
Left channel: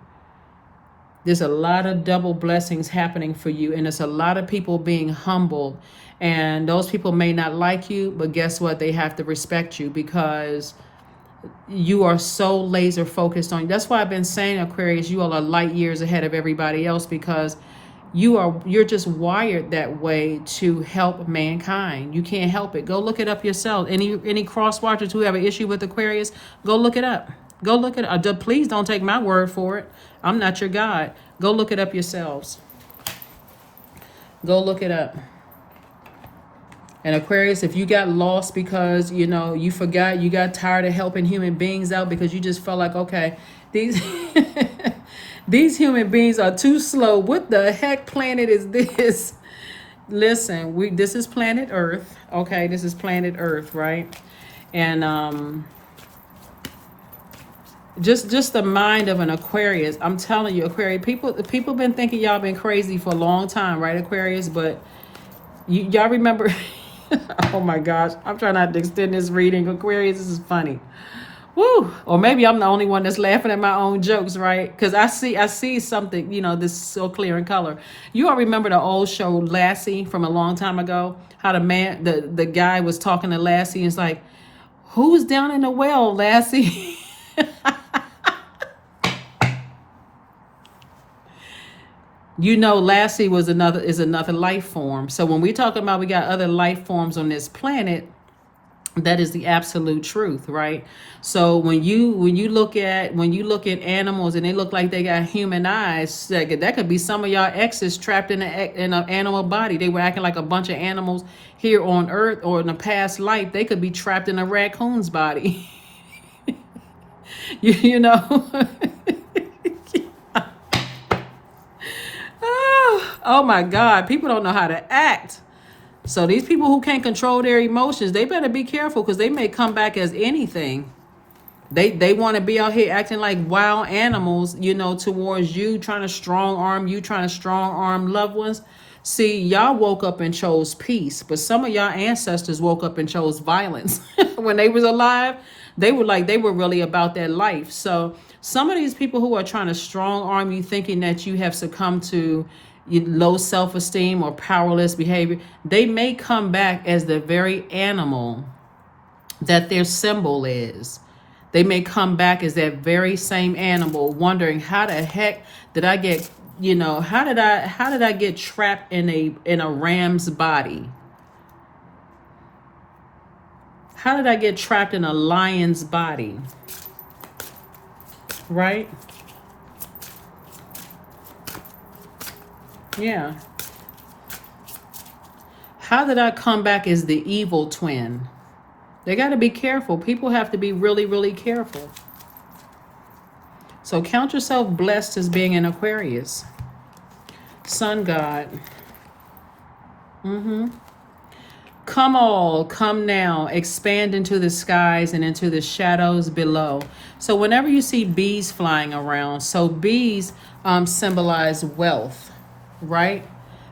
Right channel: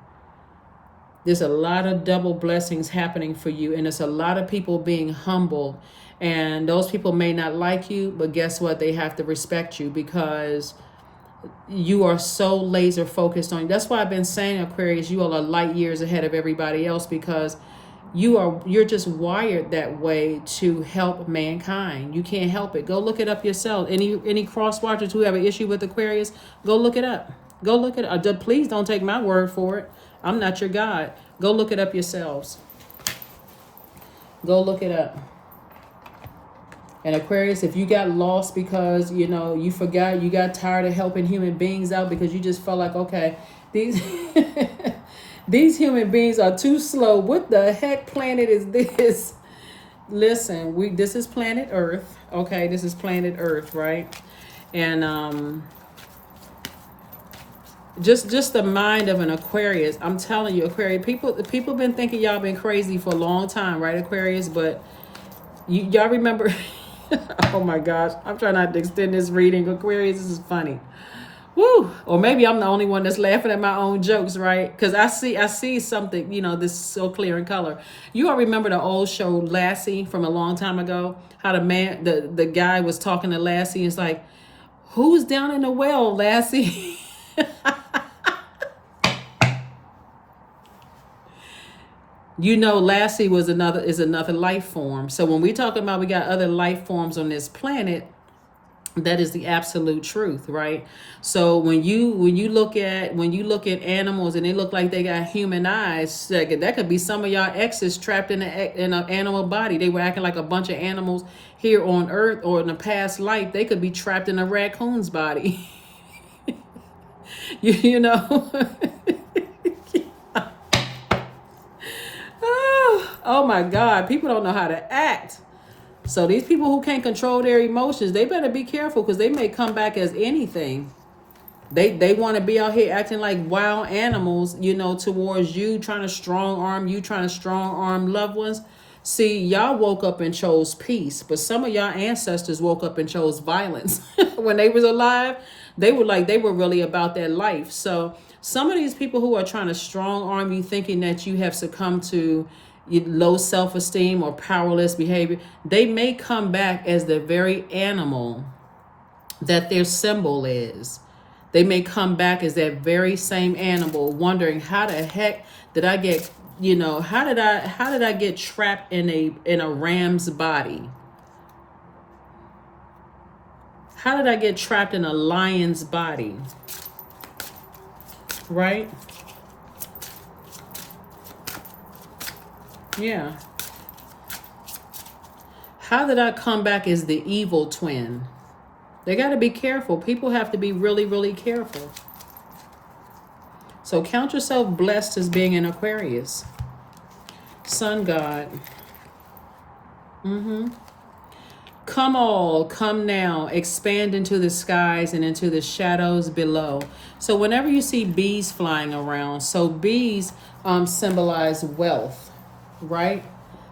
There's a lot of double blessings happening for you, and there's a lot of people being humbled, and those people may not like you, but guess what? They have to respect you because you are so laser focused on. That's why I've been saying, Aquarius, you all are light years ahead of everybody else because You're just wired that way to help mankind. You can't help it. Go look it up yourself. Any cross watchers who have an issue with Aquarius, go look it up. Go look it up. Please don't take my word for it. I'm not your God. Go look it up yourselves. Go look it up. And Aquarius, if you got lost because, you forgot, you got tired of helping human beings out because you just felt like, okay, these these human beings are too slow. What the heck planet is this? Listen, this is planet Earth. Okay, this is planet Earth, right? And just the mind of an Aquarius. I'm telling you, Aquarius, people been thinking y'all been crazy for a long time, right, Aquarius? But y'all remember oh my gosh, I'm trying not to extend this reading. Aquarius, this is funny. Woo! Or maybe I'm the only one that's laughing at my own jokes, right? Because I see something, this is so clear in color. You all remember the old show Lassie from a long time ago? How the guy was talking to Lassie and it's like, who's down in the well, Lassie? Lassie is another life form. So when we talking about we got other life forms on this planet, that is the absolute truth, right? So when you look at animals and they look like they got human eyes, that could be some of y'all exes trapped in an animal body. They were acting like a bunch of animals here on Earth, or in a past life they could be trapped in a raccoon's body. you know. Oh my God, people don't know how to act. So these people who can't control their emotions, they better be careful because they may come back as anything. They want to be out here acting like wild animals, towards you, trying to strong arm loved ones. See, y'all woke up and chose peace, but some of y'all ancestors woke up and chose violence. When they was alive, they were really about that life. So some of these people who are trying to strong arm you, thinking that you have succumbed to low self-esteem or powerless behavior, they may come back as the very animal that their symbol is. They may come back as that very same animal, wondering how the heck did I get, how did I get trapped in a ram's body? How did I get trapped in a lion's body? Right? Yeah. How did I come back as the evil twin? They got to be careful. People have to be really, really careful. So count yourself blessed as being an Aquarius. Sun God. Come now, expand into the skies and into the shadows below. So whenever you see bees flying around, so bees symbolize wealth, right?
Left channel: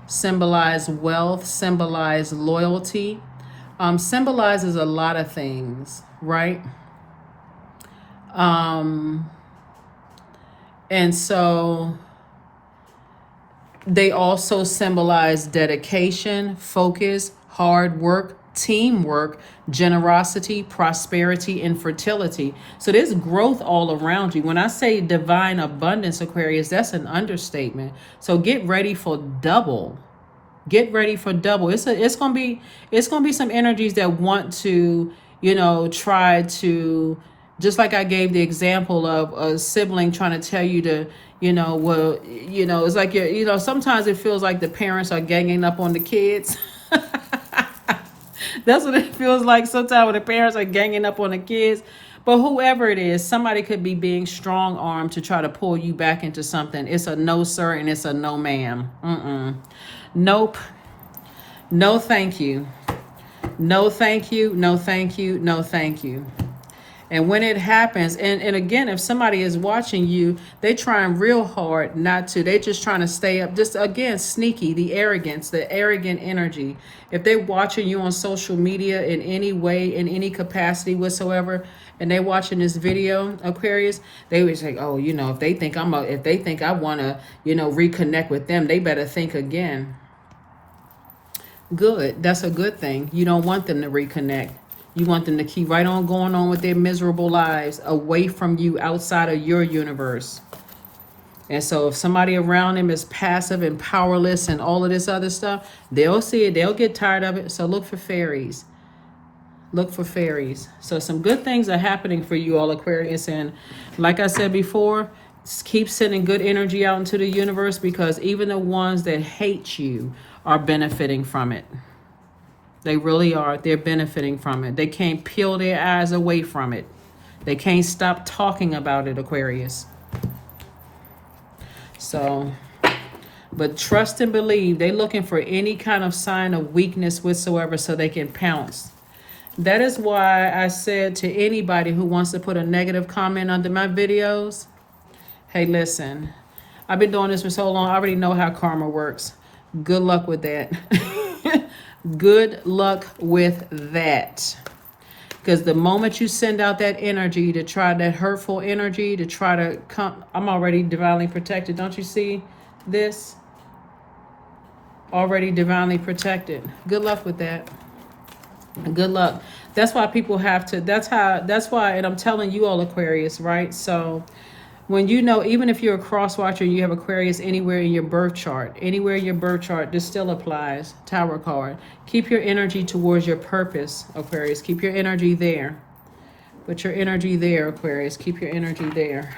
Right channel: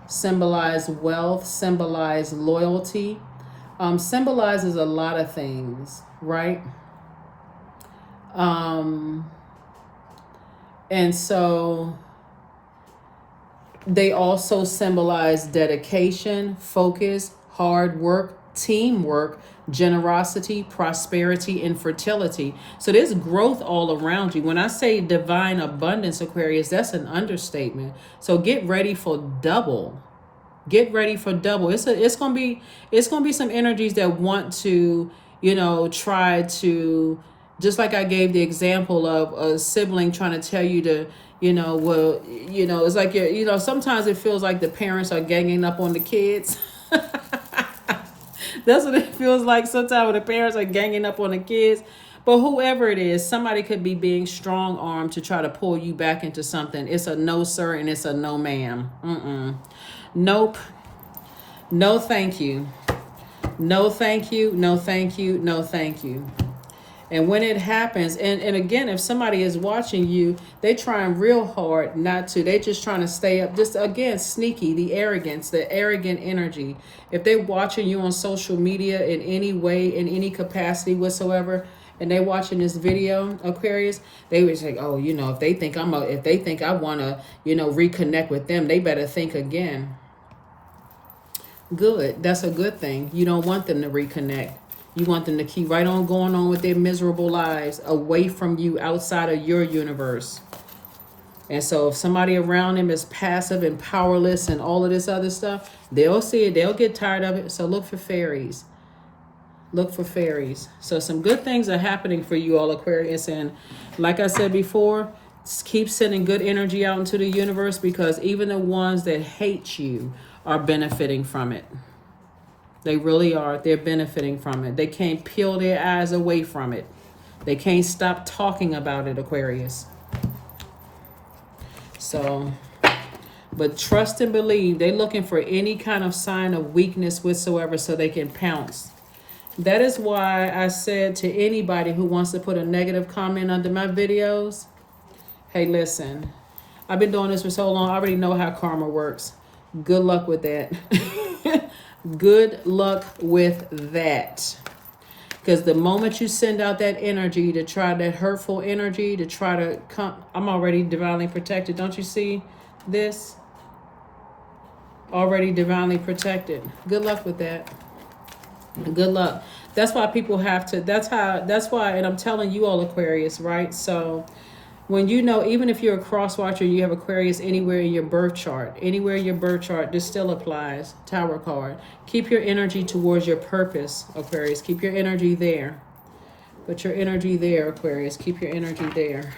Symbolize wealth, symbolize loyalty, symbolizes a lot of things, right? And so they also symbolize dedication, focus, hard work, teamwork, generosity, prosperity, and fertility. So there's growth all around you. When I say divine abundance, Aquarius, that's an understatement. So get ready for double. Get ready for double. It's gonna be some energies that want to, try to, just like I gave the example of a sibling trying to tell you to, it's like sometimes it feels like the parents are ganging up on the kids. That's what it feels like sometimes when the parents are ganging up on the kids. But whoever it is, somebody could be being strong-armed to try to pull you back into something. It's a no, sir, and it's a no, ma'am. Nope. No, thank you. No, thank you. No, thank you. No, thank you. And when it happens, and again, if somebody is watching you, they trying real hard not to. They just trying to stay up. Just, again, sneaky, the arrogance, the arrogant energy. If they're watching you on social media in any way, in any capacity whatsoever, and they're watching this video, Aquarius, they would say, oh, if they think I want to, reconnect with them, they better think again. Good. That's a good thing. You don't want them to reconnect. You want them to keep right on going on with their miserable lives away from you, outside of your universe. And so if somebody around them is passive and powerless and all of this other stuff, they'll see it. They'll get tired of it. So look for fairies. Look for fairies. So some good things are happening for you all, Aquarius. And like I said before, keep sending good energy out into the universe, because even the ones that hate you are benefiting from it. They really are. They're benefiting from it. They can't peel their eyes away from it. They can't stop talking about it, Aquarius. So, but trust and believe. They're looking for any kind of sign of weakness whatsoever so they can pounce. That is why I said to anybody who wants to put a negative comment under my videos, hey, listen, I've been doing this for so long, I already know how karma works. Good luck with that. Good luck with that. Because the moment you send out that energy to try, that hurtful energy to try to come, I'm already divinely protected. Don't you see this? Already divinely protected. Good luck with that. Good luck. That's why people have to, that's why, and I'm telling you all, Aquarius, right? So when you know, even if you're a cross watcher, you have Aquarius anywhere in your birth chart, this still applies. Tower card. Keep your energy towards your purpose, Aquarius. Keep your energy there. Put your energy there, Aquarius. Keep your energy there.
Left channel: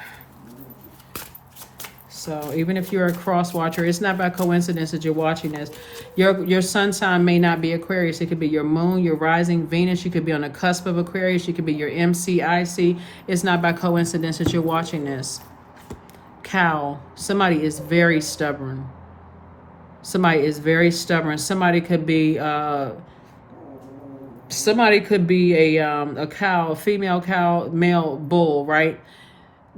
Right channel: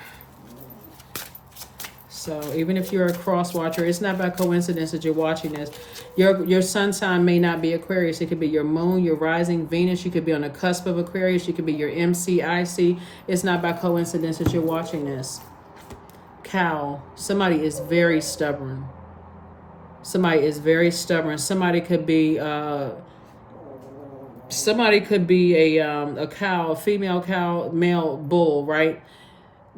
So even if you're a cross watcher, it's not by coincidence that you're watching this. Your sun sign may not be Aquarius. It could be your moon, your rising Venus. You could be on the cusp of Aquarius. You could be your MCIC. It's not by coincidence that you're watching this. Cow. Somebody is very stubborn. Somebody is very stubborn. Somebody could be a cow, female cow, male bull, right?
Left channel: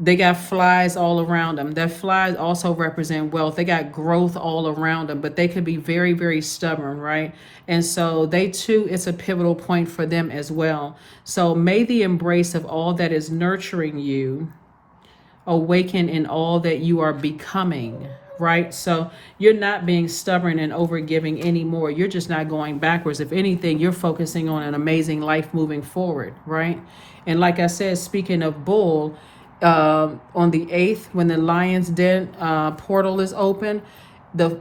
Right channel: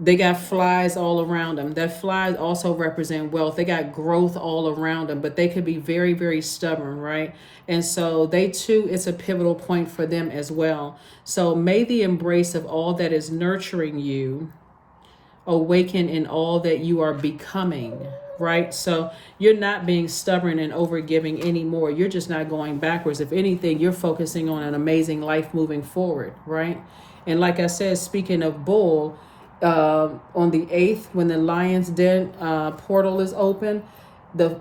They got flies all around them. That flies also represent wealth. They got growth all around them, but they could be very, very stubborn, right? And so they too, it's a pivotal point for them as well. So may the embrace of all that is nurturing you awaken in all that you are becoming, right? So you're not being stubborn and overgiving anymore. You're just not going backwards. If anything, you're focusing on an amazing life moving forward, right? And like I said, speaking of bull, on the 8th, when the Lion's Den portal is open,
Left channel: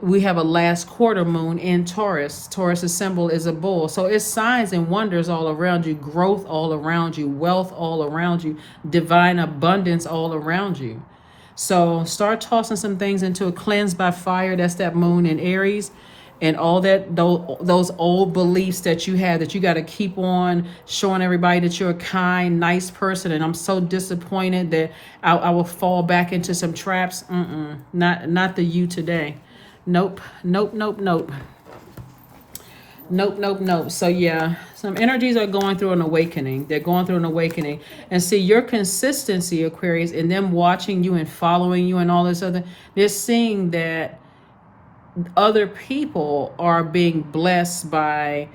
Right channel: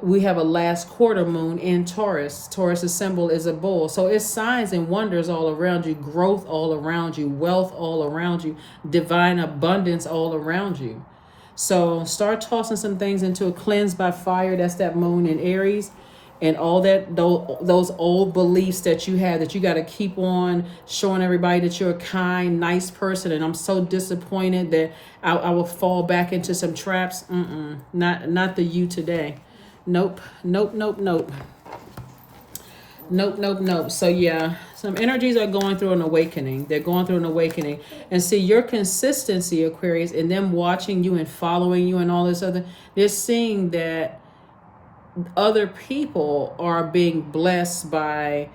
we have a last quarter moon in Taurus. Taurus's symbol is a bull. So it's signs and wonders all around you, growth all around you, wealth all around you, divine abundance all around you. So start tossing some things into a cleanse by fire. That's that moon in Aries. And all that, those old beliefs that you had, that you got to keep on showing everybody that you're a kind, nice person. And I'm so disappointed that I will fall back into some traps. Not the you today. Nope. So yeah, some energies are going through an awakening. They're going through an awakening. And see, your consistency, Aquarius, and them watching you and following you and all this other, they're seeing that other people are being blessed by,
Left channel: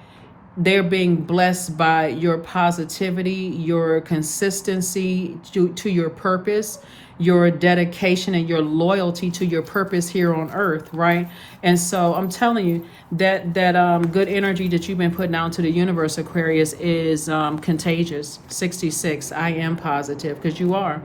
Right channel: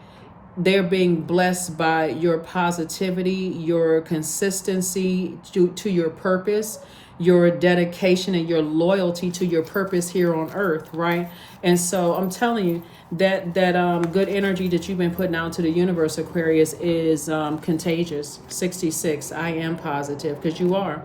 they're being blessed by your positivity, your consistency to your purpose, your dedication and your loyalty to your purpose here on earth, right? And so I'm telling you that good energy that you've been putting out to the universe, Aquarius, is contagious. 66, I am positive, because you are.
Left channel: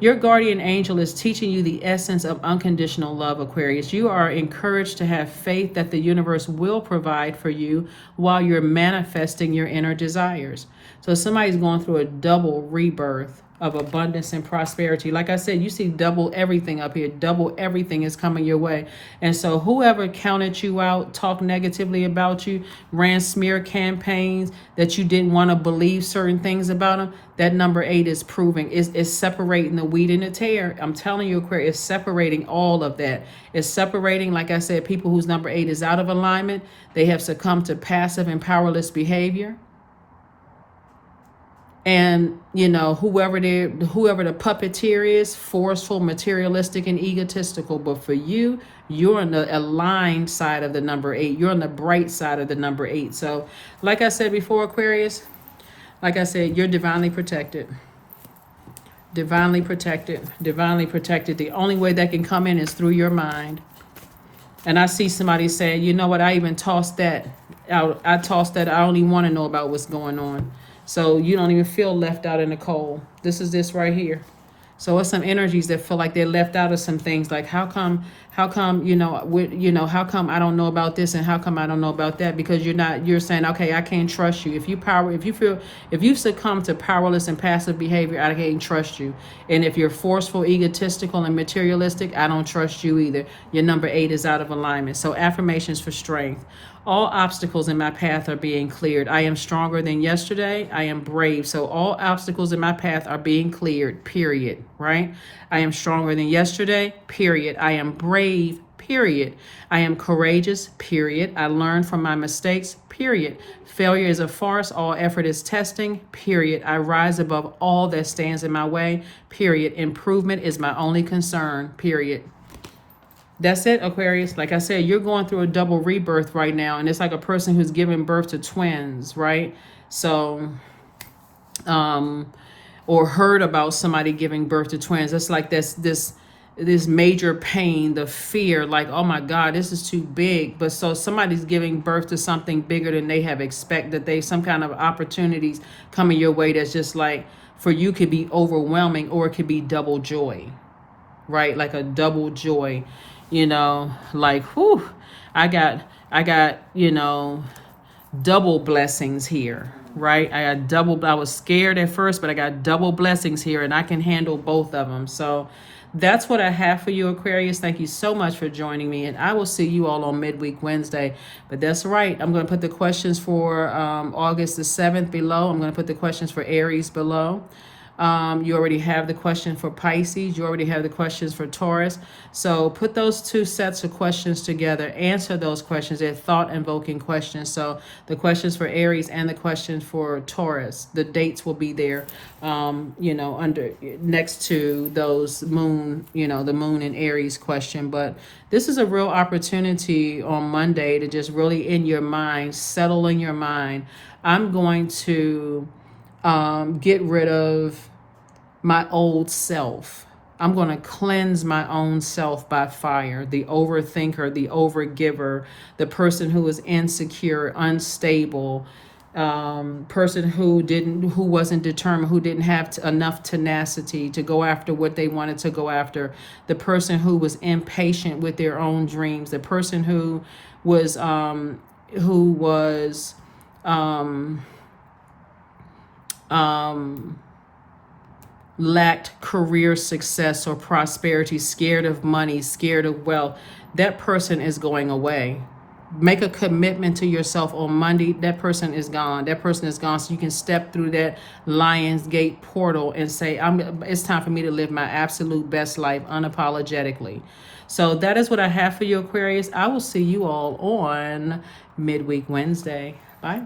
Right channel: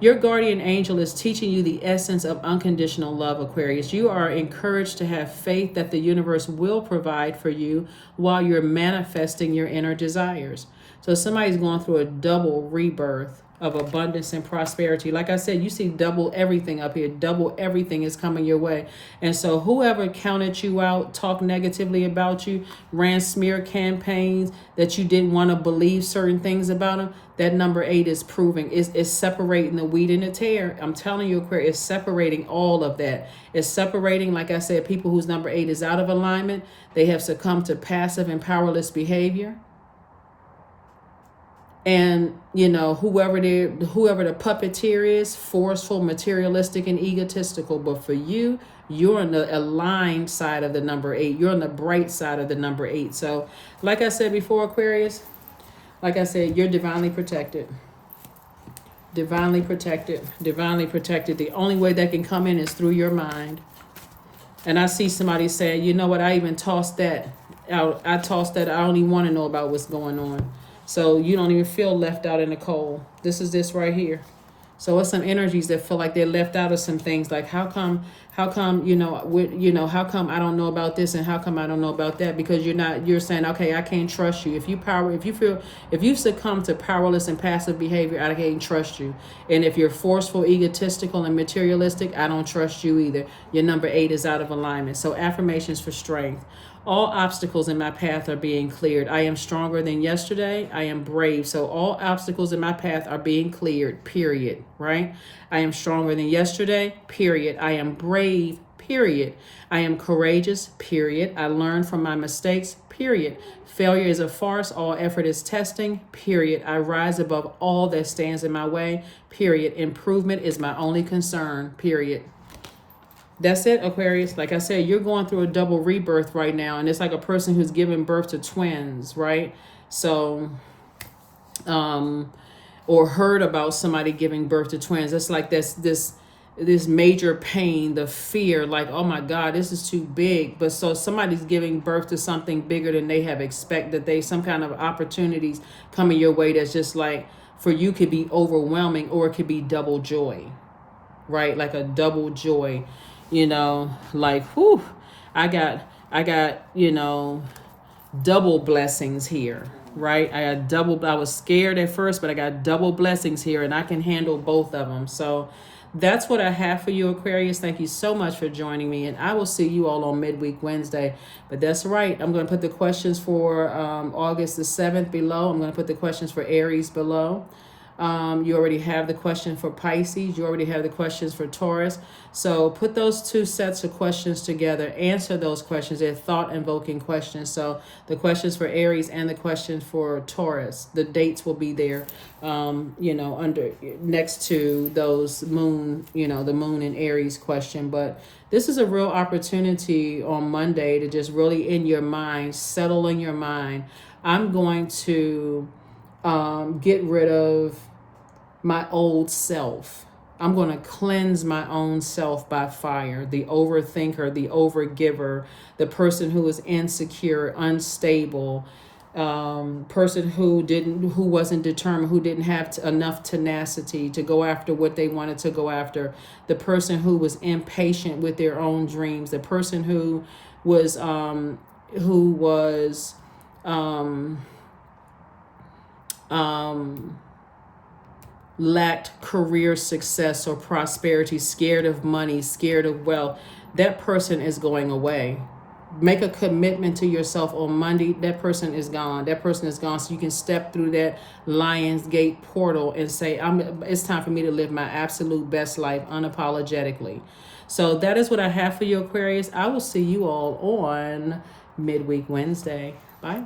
Your guardian angel is teaching you the essence of unconditional love, Aquarius. You are encouraged to have faith that the universe will provide for you while you're manifesting your inner desires. So somebody's going through a double rebirth of abundance and prosperity. Like I said, you see double everything up here. Double everything is coming your way. And so whoever counted you out, talked negatively about you, ran smear campaigns that you didn't want to believe certain things about them, that number 8 is proving, is separating the wheat and the tare. I'm telling you, Aquarius, it's separating all of that. It's separating, like I said, people whose number 8 is out of alignment. They have succumbed to passive and powerless behavior. And, you know, whoever the puppeteer is, forceful, materialistic, and egotistical. But for you, you're on the aligned side of the number 8. You're on the bright side of the number 8. So, like I said before, Aquarius, like I said, you're divinely protected. Divinely protected. Divinely protected. The only way that can come in is through your mind. And I see somebody saying, you know what, I even tossed that out. I tossed that. I don't even want to know about what's going on. So you don't even feel left out in the cold. This is this right here. So it's some energies that feel like they're left out of some things. Like how come, how come I don't know about this and how come I don't know about that? Because you're saying, okay, I can't trust you. If you succumb to powerless and passive behavior, I can't trust you. And if you're forceful, egotistical, and materialistic, I don't trust you either. Your number 8 is out of alignment. So affirmations for strength. All obstacles in my path are being cleared. I am stronger than yesterday. I am brave. So all obstacles in my path are being cleared, period, right? I am stronger than yesterday, period. I am brave, period. I am courageous, period. I learn from my mistakes, period. Failure is a farce. All effort is testing, period. I rise above all that stands in my way, period. Improvement is my only concern, period. That's it, Aquarius. Like I said, you're going through a double rebirth right now, and it's like a person who's giving birth to twins, right? So, or heard about somebody giving birth to twins. It's like this major pain, the fear, like, oh my God, this is too big. But so somebody's giving birth to something bigger than they have expected. Some kind of opportunities coming your way that's just like, for you could be overwhelming, or it could be double joy, right? Like a double joy. Like, whew, I got, double blessings here, right? I was scared at first, but I got double blessings here, and I can handle both of them. So that's what I have for you, Aquarius. Thank you so much for joining me, and I will see you all on Midweek Wednesday. But that's right. I'm going to put the questions for August the 7th below. I'm going to put the questions for Aries below. You already have the question for Pisces. You already have the questions for Taurus. So put those two sets of questions together. Answer those questions. They're thought-invoking questions. So the questions for Aries and the questions for Taurus. The dates will be there, under next to those moon, the moon and Aries question. But this is a real opportunity on Monday to just really in your mind, settle in your mind. I'm going to get rid of my old self. I'm going to cleanse my own self by fire. The overthinker, the overgiver, the person who is insecure, unstable, person who wasn't determined, who didn't have enough tenacity to go after what they wanted to go after, the person who was impatient with their own dreams, the person who was lacked career success or prosperity, scared of money, scared of wealth. That person is going away. Make a commitment to yourself on Monday. That person is gone. That person is gone. So you can step through that Lion's Gate portal and say, it's time for me to live my absolute best life unapologetically. So that is what I have for you, Aquarius. I will see you all on Midweek Wednesday. Bye.